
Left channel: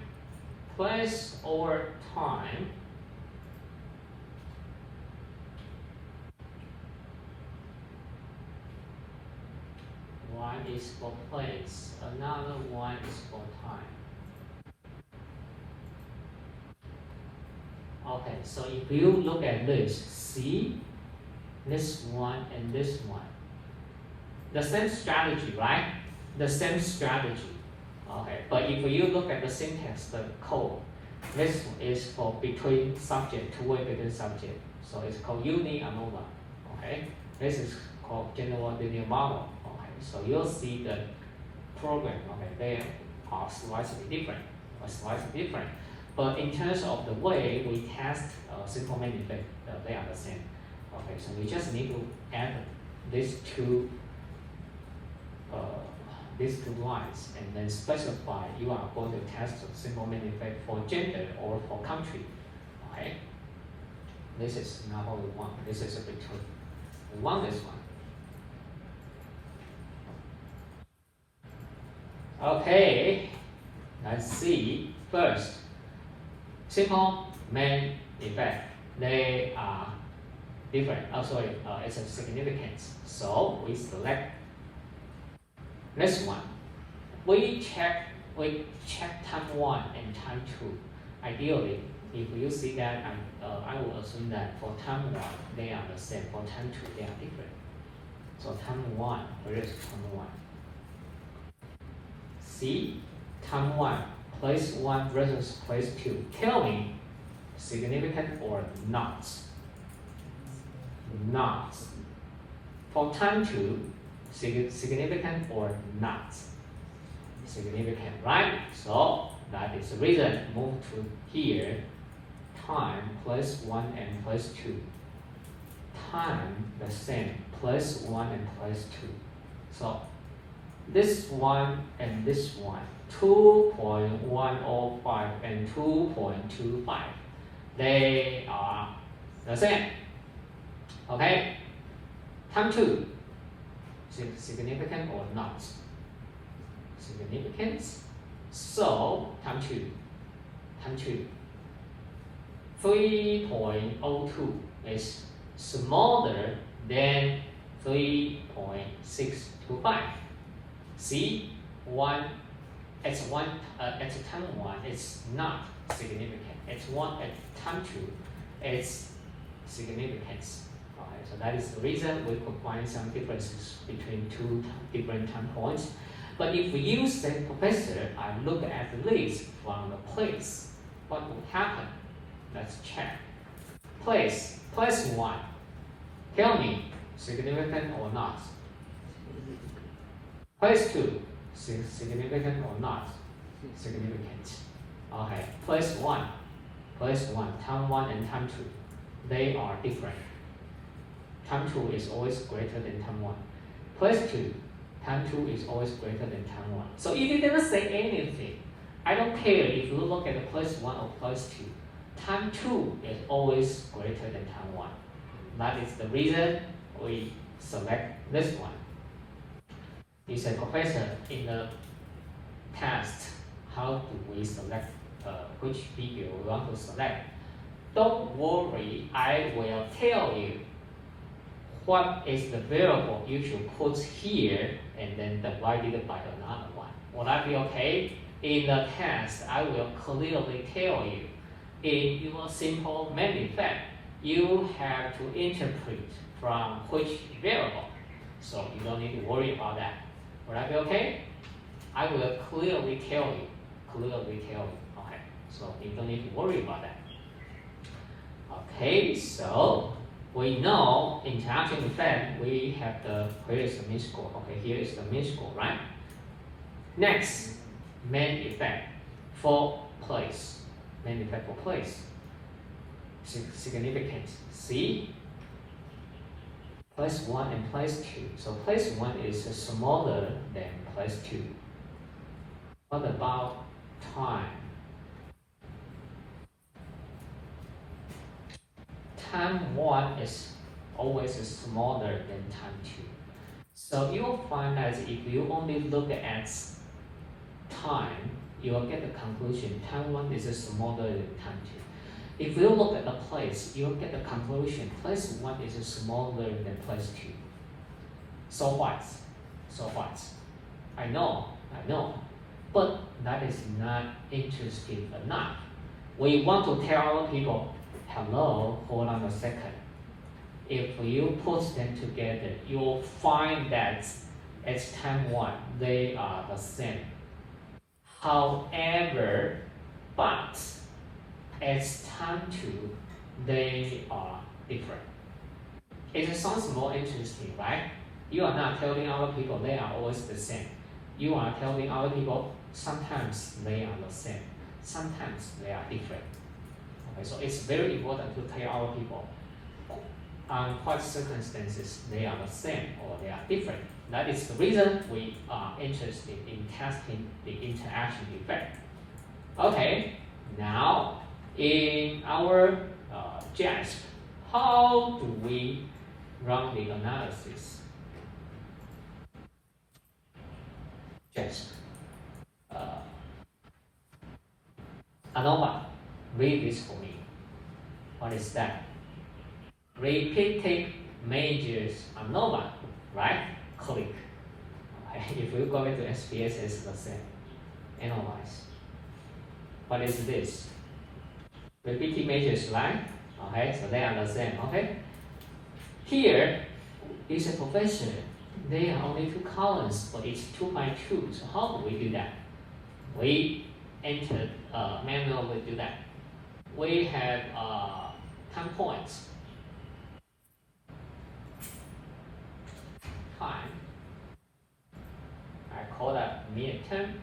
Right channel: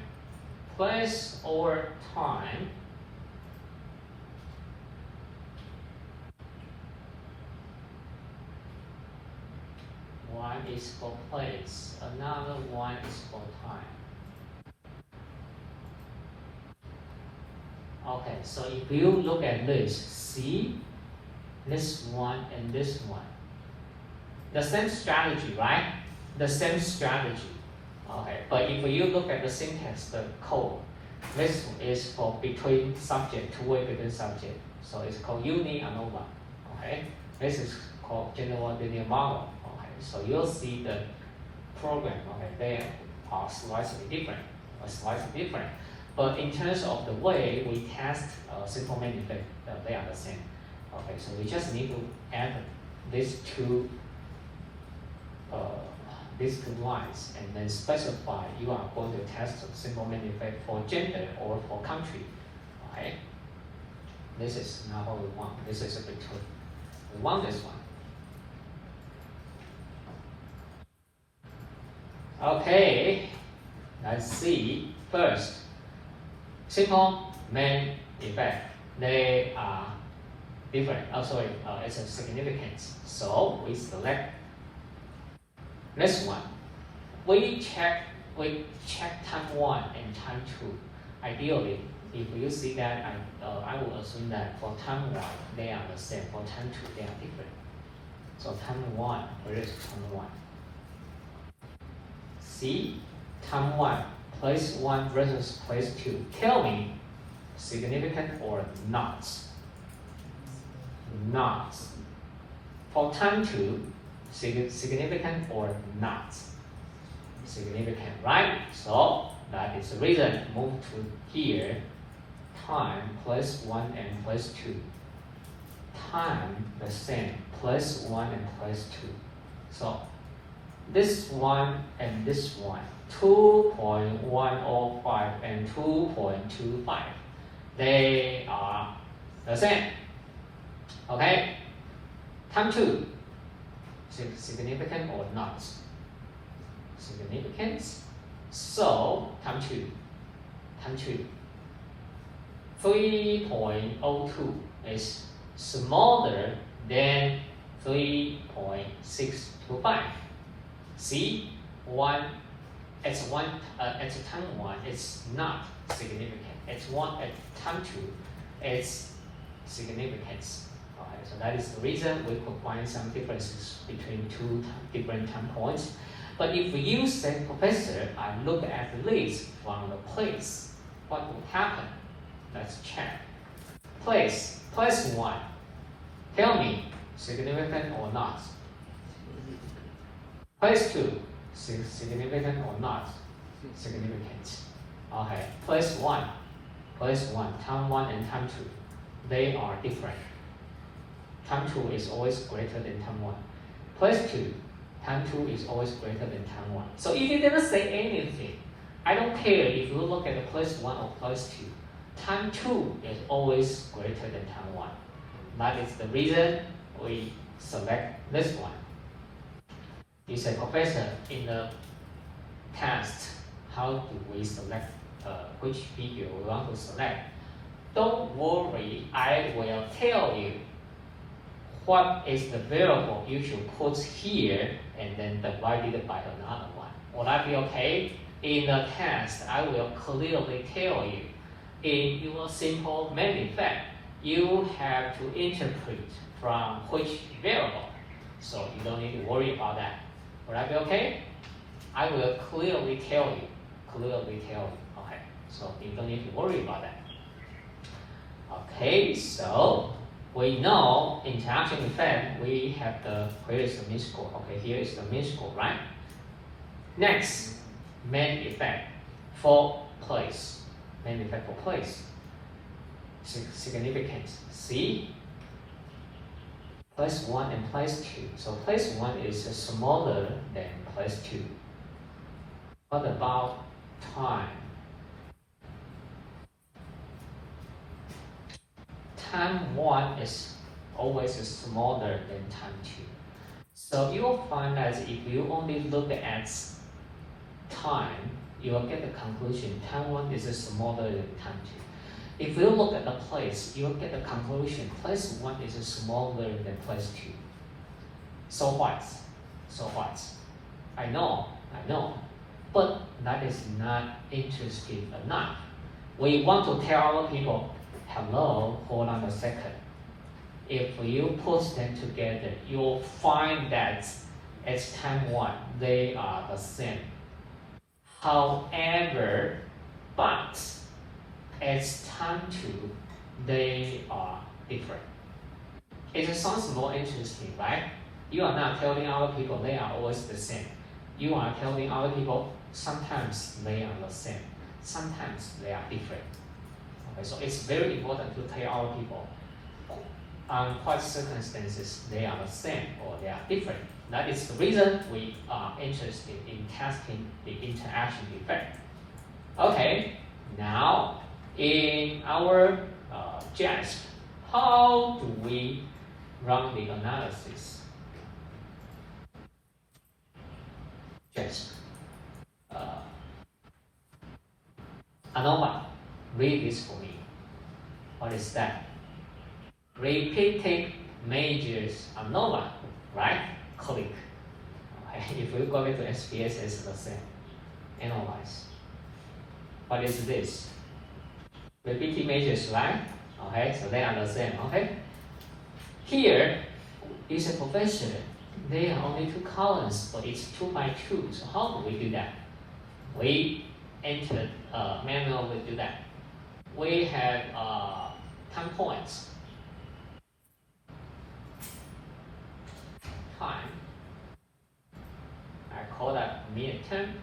place or time. One is for place, another one is for time. Okay, so if you look at this, see this one and this one. The same strategy, right? The same strategy. Okay, but if you look at the syntax, the code, this is for between subject, two-way between subject. So it's called uni-ANOVA. Okay, this is called general linear model. Okay, so you'll see the program. Okay, they are slightly different. But in terms of the way we test simple main effect, they are the same. Okay, so we just need to add these two lines and then specify you are going to test a simple main effect for gender or for country. Okay, this is not what we want. This is a bit too. We want this one. Okay, let's see first. Simple main effect. They are different. Oh, sorry, it's a significance. So we select this one. We check time 1 and time 2. Ideally, if you see that, I will assume that for time 1 they are the same. For time 2 they are different. So time 1, where is time 1? See, time 1, place 1 versus place 2. Tell me, significant or not? Not. For time 2, significant or not? Significant, right? So that is the reason. Move to here. Time plus 1 and plus 2. Time the same, plus 1 and plus 2. So this one and this one, 2.105 and 2.25. They are the same. Okay? Time 2. Significant or not? Significance. So time 2. Time 2. 3.02 is smaller than 3.625. See, at time 1 it's not significant. At time 2 it's significance. Alright, so that is the reason we could find some differences between two different time points. But if you say, Professor, I look at the list from the place, what would happen? Let's check. Place 1. Tell me, significant or not? Place 2, significant or not? Significant. Okay, place 1, time 1 and time 2, they are different. Time 2 is always greater than time 1. Place 2, time 2 is always greater than time 1. So if you never say anything, I don't care if you look at the place 1 or place 2. Time 2 is always greater than time 1. That is the reason we select this one. You said, Professor, in the past, how do we select which figure we want to select? Don't worry, I will tell you what is the variable you should put here and then divide it by another one. Will that be okay? In the test, I will clearly tell you, in your simple main effect, you have to interpret from which variable. So you don't need to worry about that. Will that be okay? I will clearly tell you. Okay, so you don't need to worry about that. Okay, so we know interaction effect, we have where is the mean score? Okay, here is the mean score, right? Next, main effect for place. Main effect for place. Significance. See? Place 1 and place 2. So place 1 is smaller than place 2. What about time? Time 1 is always smaller than time 2. So you will find that if you only look at time, you will get the conclusion time 1 is smaller than time 2. If you look at the place, you will get the conclusion place 1 is smaller than place 2. So what? I know. But that is not interesting enough. We want to tell people, hello, hold on a second. If you put them together, you'll find that at time 1, they are the same. However, but at time 2, they are different. It sounds more interesting, right? You are not telling other people they are always the same. You are telling other people sometimes they are the same, sometimes they are different. Okay, so it's very important to tell other people on what circumstances they are the same or they are different. That is the reason we are interested in testing the interaction effect. Okay, now in our JASP, how do we run the analysis? JASP. ANOVA, read this for me. What is that? Repeated measures ANOVA, right? Click. Okay. If we go back to SPS, it's the same. Analyze. What is this? Repeated measures, right? Okay, so they are the same. Okay. Here is a profession. There are only two columns, but it's 2 by 2. So how do we do that? We enter manually do that. We have 10 points. Time. I call that midterm.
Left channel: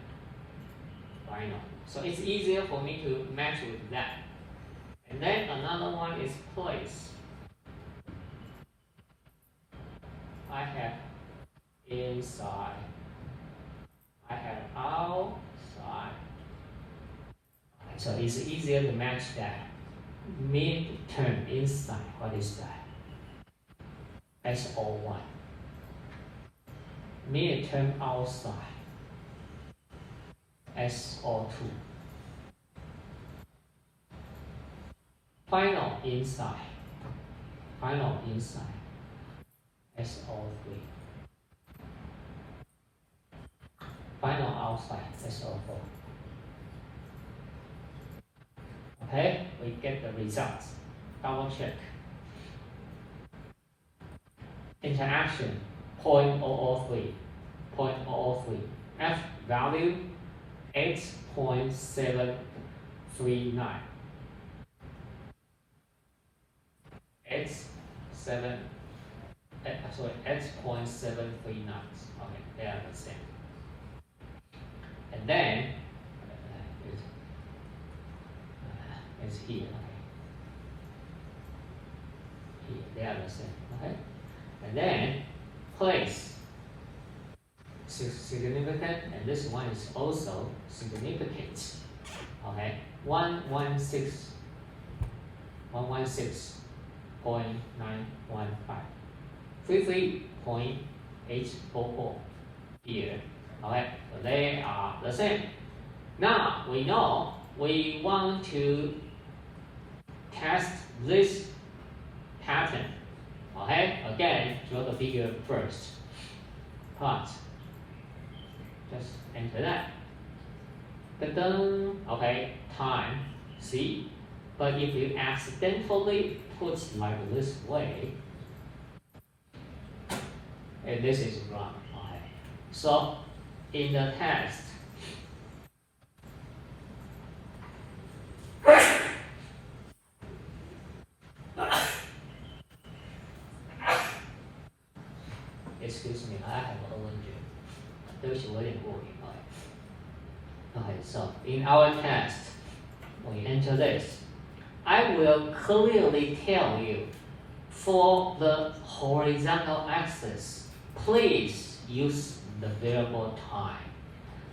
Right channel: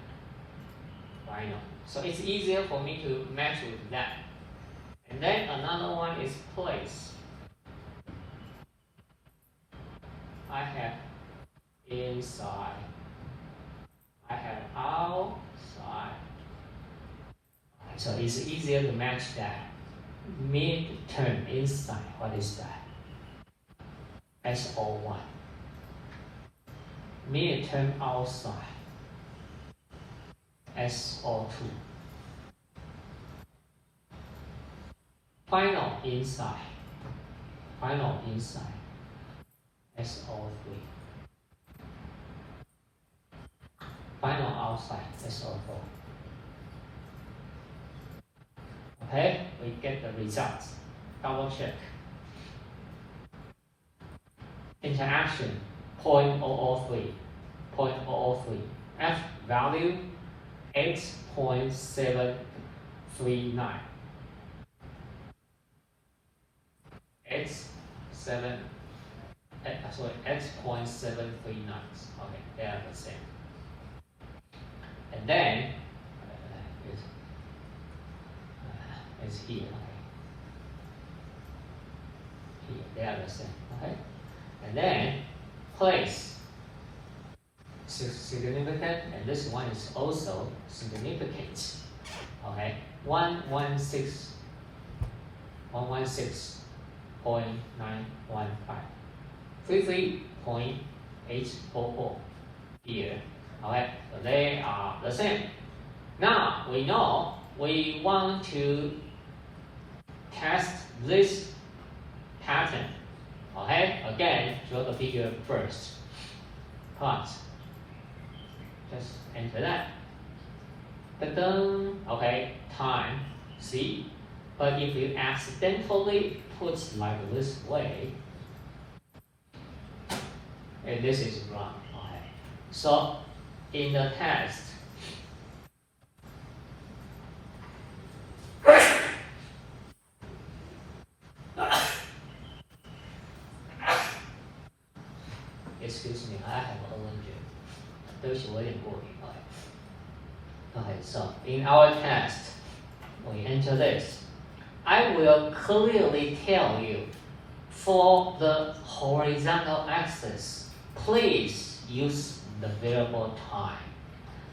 Final. So it's easier for me to match with that. And then another one is place. I have inside. I have outside. So it's easier to match that. Midterm inside. What is that? SO1. Midterm outside. SO2. Final inside. Final inside. SO3. Final outside. SO4. Okay, we get the results. Double check. Interaction 0.003. 0.003. F value 8.739. It's 8.739. Okay, they are the same. And then it's here. Here, they are the same. Okay, and then place significant, and this one is also significant. Okay, 116.915, 33.844 here. Okay, so they are the same. Now we know we want to test this pattern. Okay, again, draw the figure first. Plot. Just enter that. Okay, time. See? But if you accidentally put like this way, and this is wrong. Okay. So in the test, excuse me, I have allergy. Okay, so in our test, we enter this. I will clearly tell you for the horizontal axis, please use the variable time.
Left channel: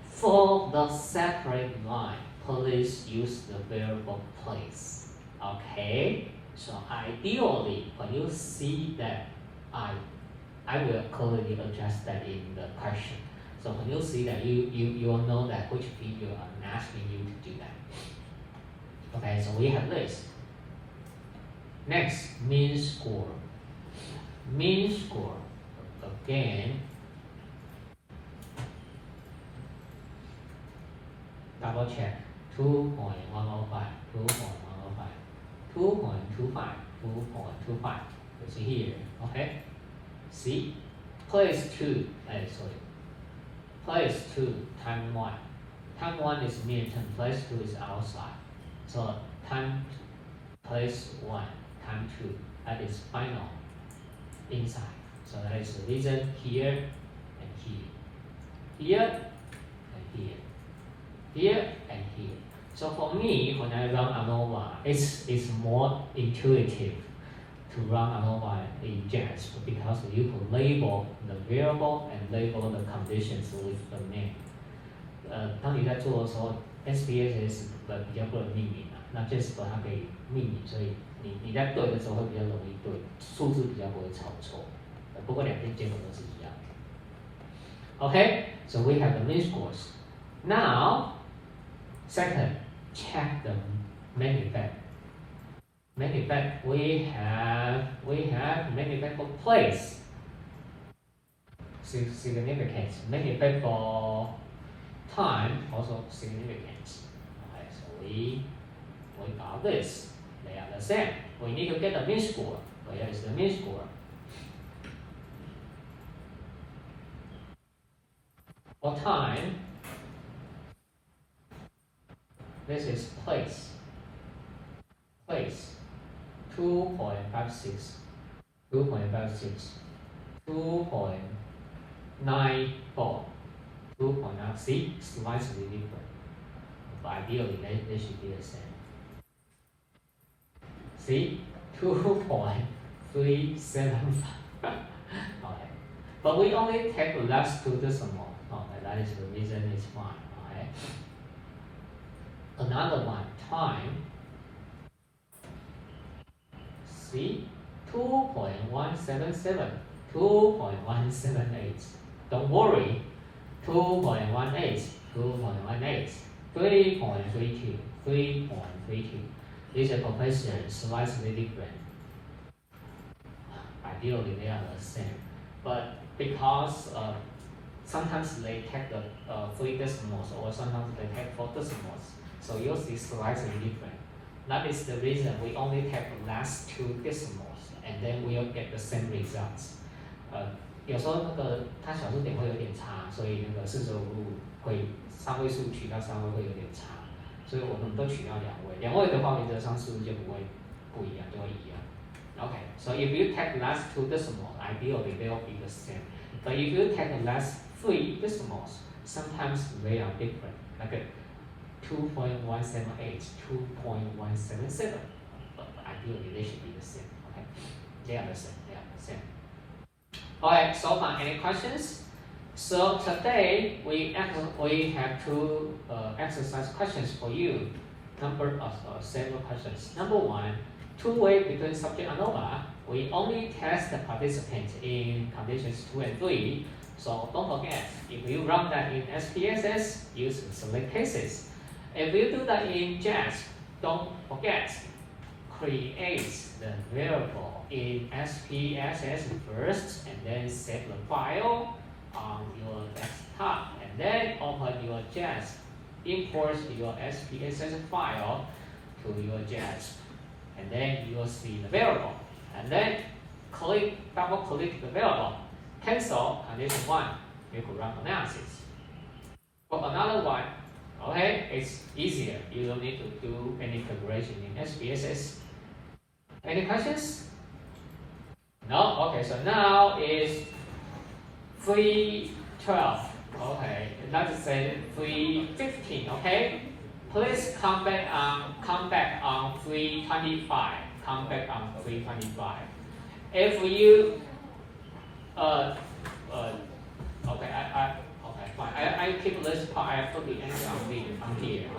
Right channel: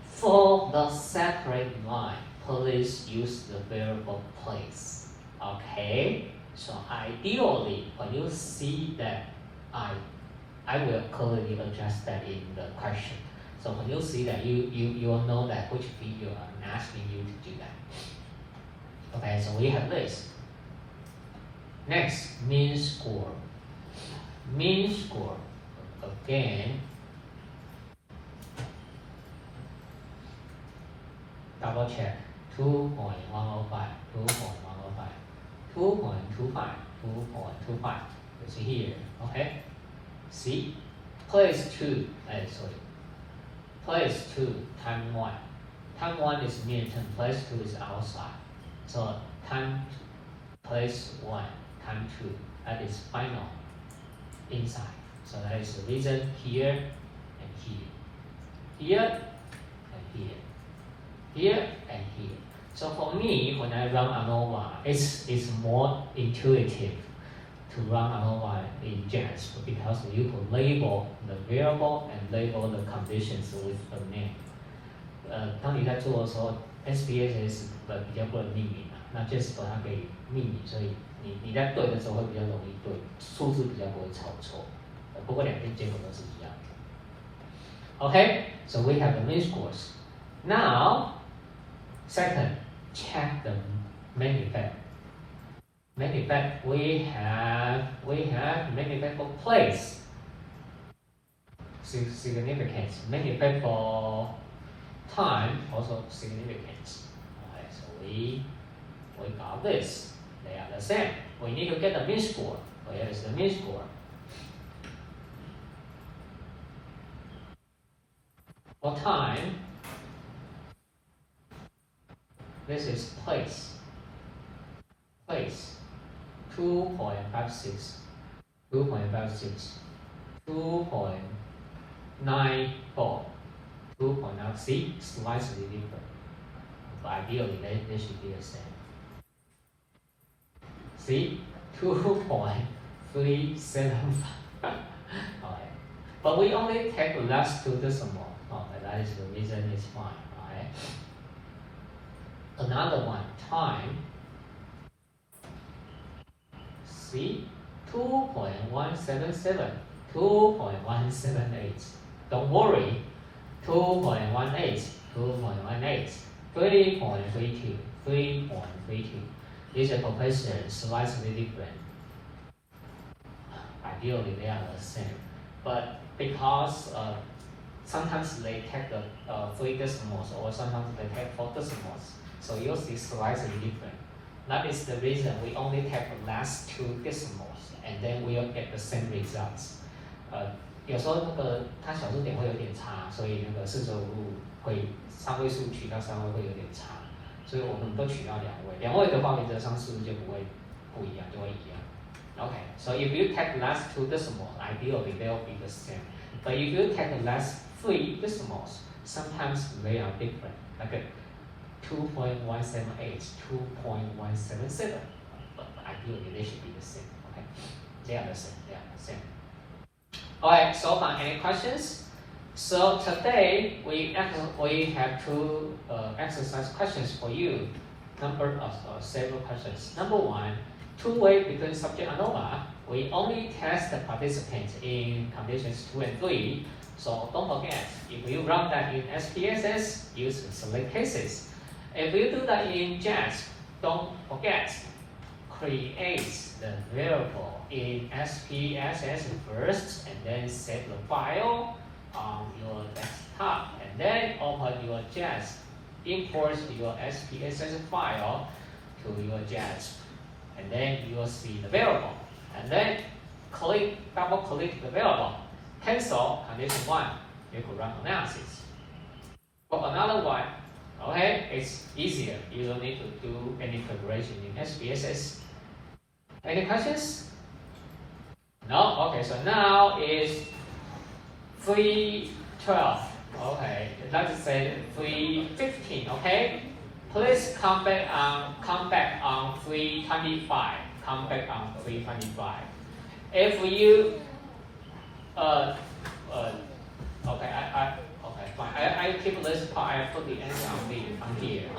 For the separate line, please use the variable place. Okay? So ideally, when you see that, I will clearly address that in the question. So when you see that, you'll know that which video I'm asking you to do that. Okay, so we have this. Next, mean score. Mean score, again, double check, 2.105, 2.105, 2.25, 2.25, it's here, okay? See, place 2, place 2, time 1. Time 1 is midterm, place 2 is outside. So time, place 1, time 2, that is final, inside. So that is the reason here and here. Here and here. Here and here. So for me, when I run ANOVA, it's more intuitive. to run ANOVA in JASP because you can label the variable and label the conditions with a name. 当你在做的时候 ，SPSS 比较不能命名嘛，那 JASP 它可以命名，所以你在对的时候会比较容易对，数字比较不会抄错。不过两边结果都是一样的。Okay, so we have the mean scores. Now, second, check the main effect. Main effect we have main effect for place, significance. Main effect for time also significance. Okay, so we got this. They are the same. We need to get the mean score. Where is the mean score? For time, this is place. Place 2.56, 2.56, 2.94, 2.9. See, slightly different. But ideally, they should be the same. See, 2.375. Okay. But we only take the last two decimal. Okay, that is the reason it's fine. Okay. Another one, time. See, 2.177, 2.178. Don't worry, 2.18, 2.18, 3.32, 3.32. These are proportions slightly different. Ideally, they are the same, but because sometimes they take the 3 decimals or sometimes they take 4 decimals, so you'll see slightly different. That is the reason we only take the last 2 decimals, and then we'll get the same results. 有时候那个它小数点会有点差，所以那个四舍五入会3位数取到3位会有点差，所以我们都取到2位。2位的话，原则上数字就不会不一样，就会一样。Okay, so if you take the last 2 decimals, ideally they will be the same. But if you take the last 3 decimals, sometimes they are different. Like 2.178, 2.177. But ideally they should be the same. Okay, they are the same. They are the same. Alright, so far any questions? So today we have 2 exercise questions for you. Number of several questions. Number 1, two-way between subject and ANOVA. We only test the participants in conditions 2 and 3. So don't forget, if you run that in SPSS, use select cases. If you do that in JASP, don't forget, create the variable in SPSS first, and then save the file on your desktop, and then open your JASP. Import your SPSS file to your JASP, and then you will see the variable, and then double click the variable, cancel condition 1, you can run analysis. For another one, okay, it's easier, you don't need to do any preparation in SPSS. Any questions? No? Okay, so now is 3:12. Okay, let's say 3:15. Okay, please come back on 3:25. Come back on 3:25. If you okay, okay, fine. I keep this part. I put the answer on here.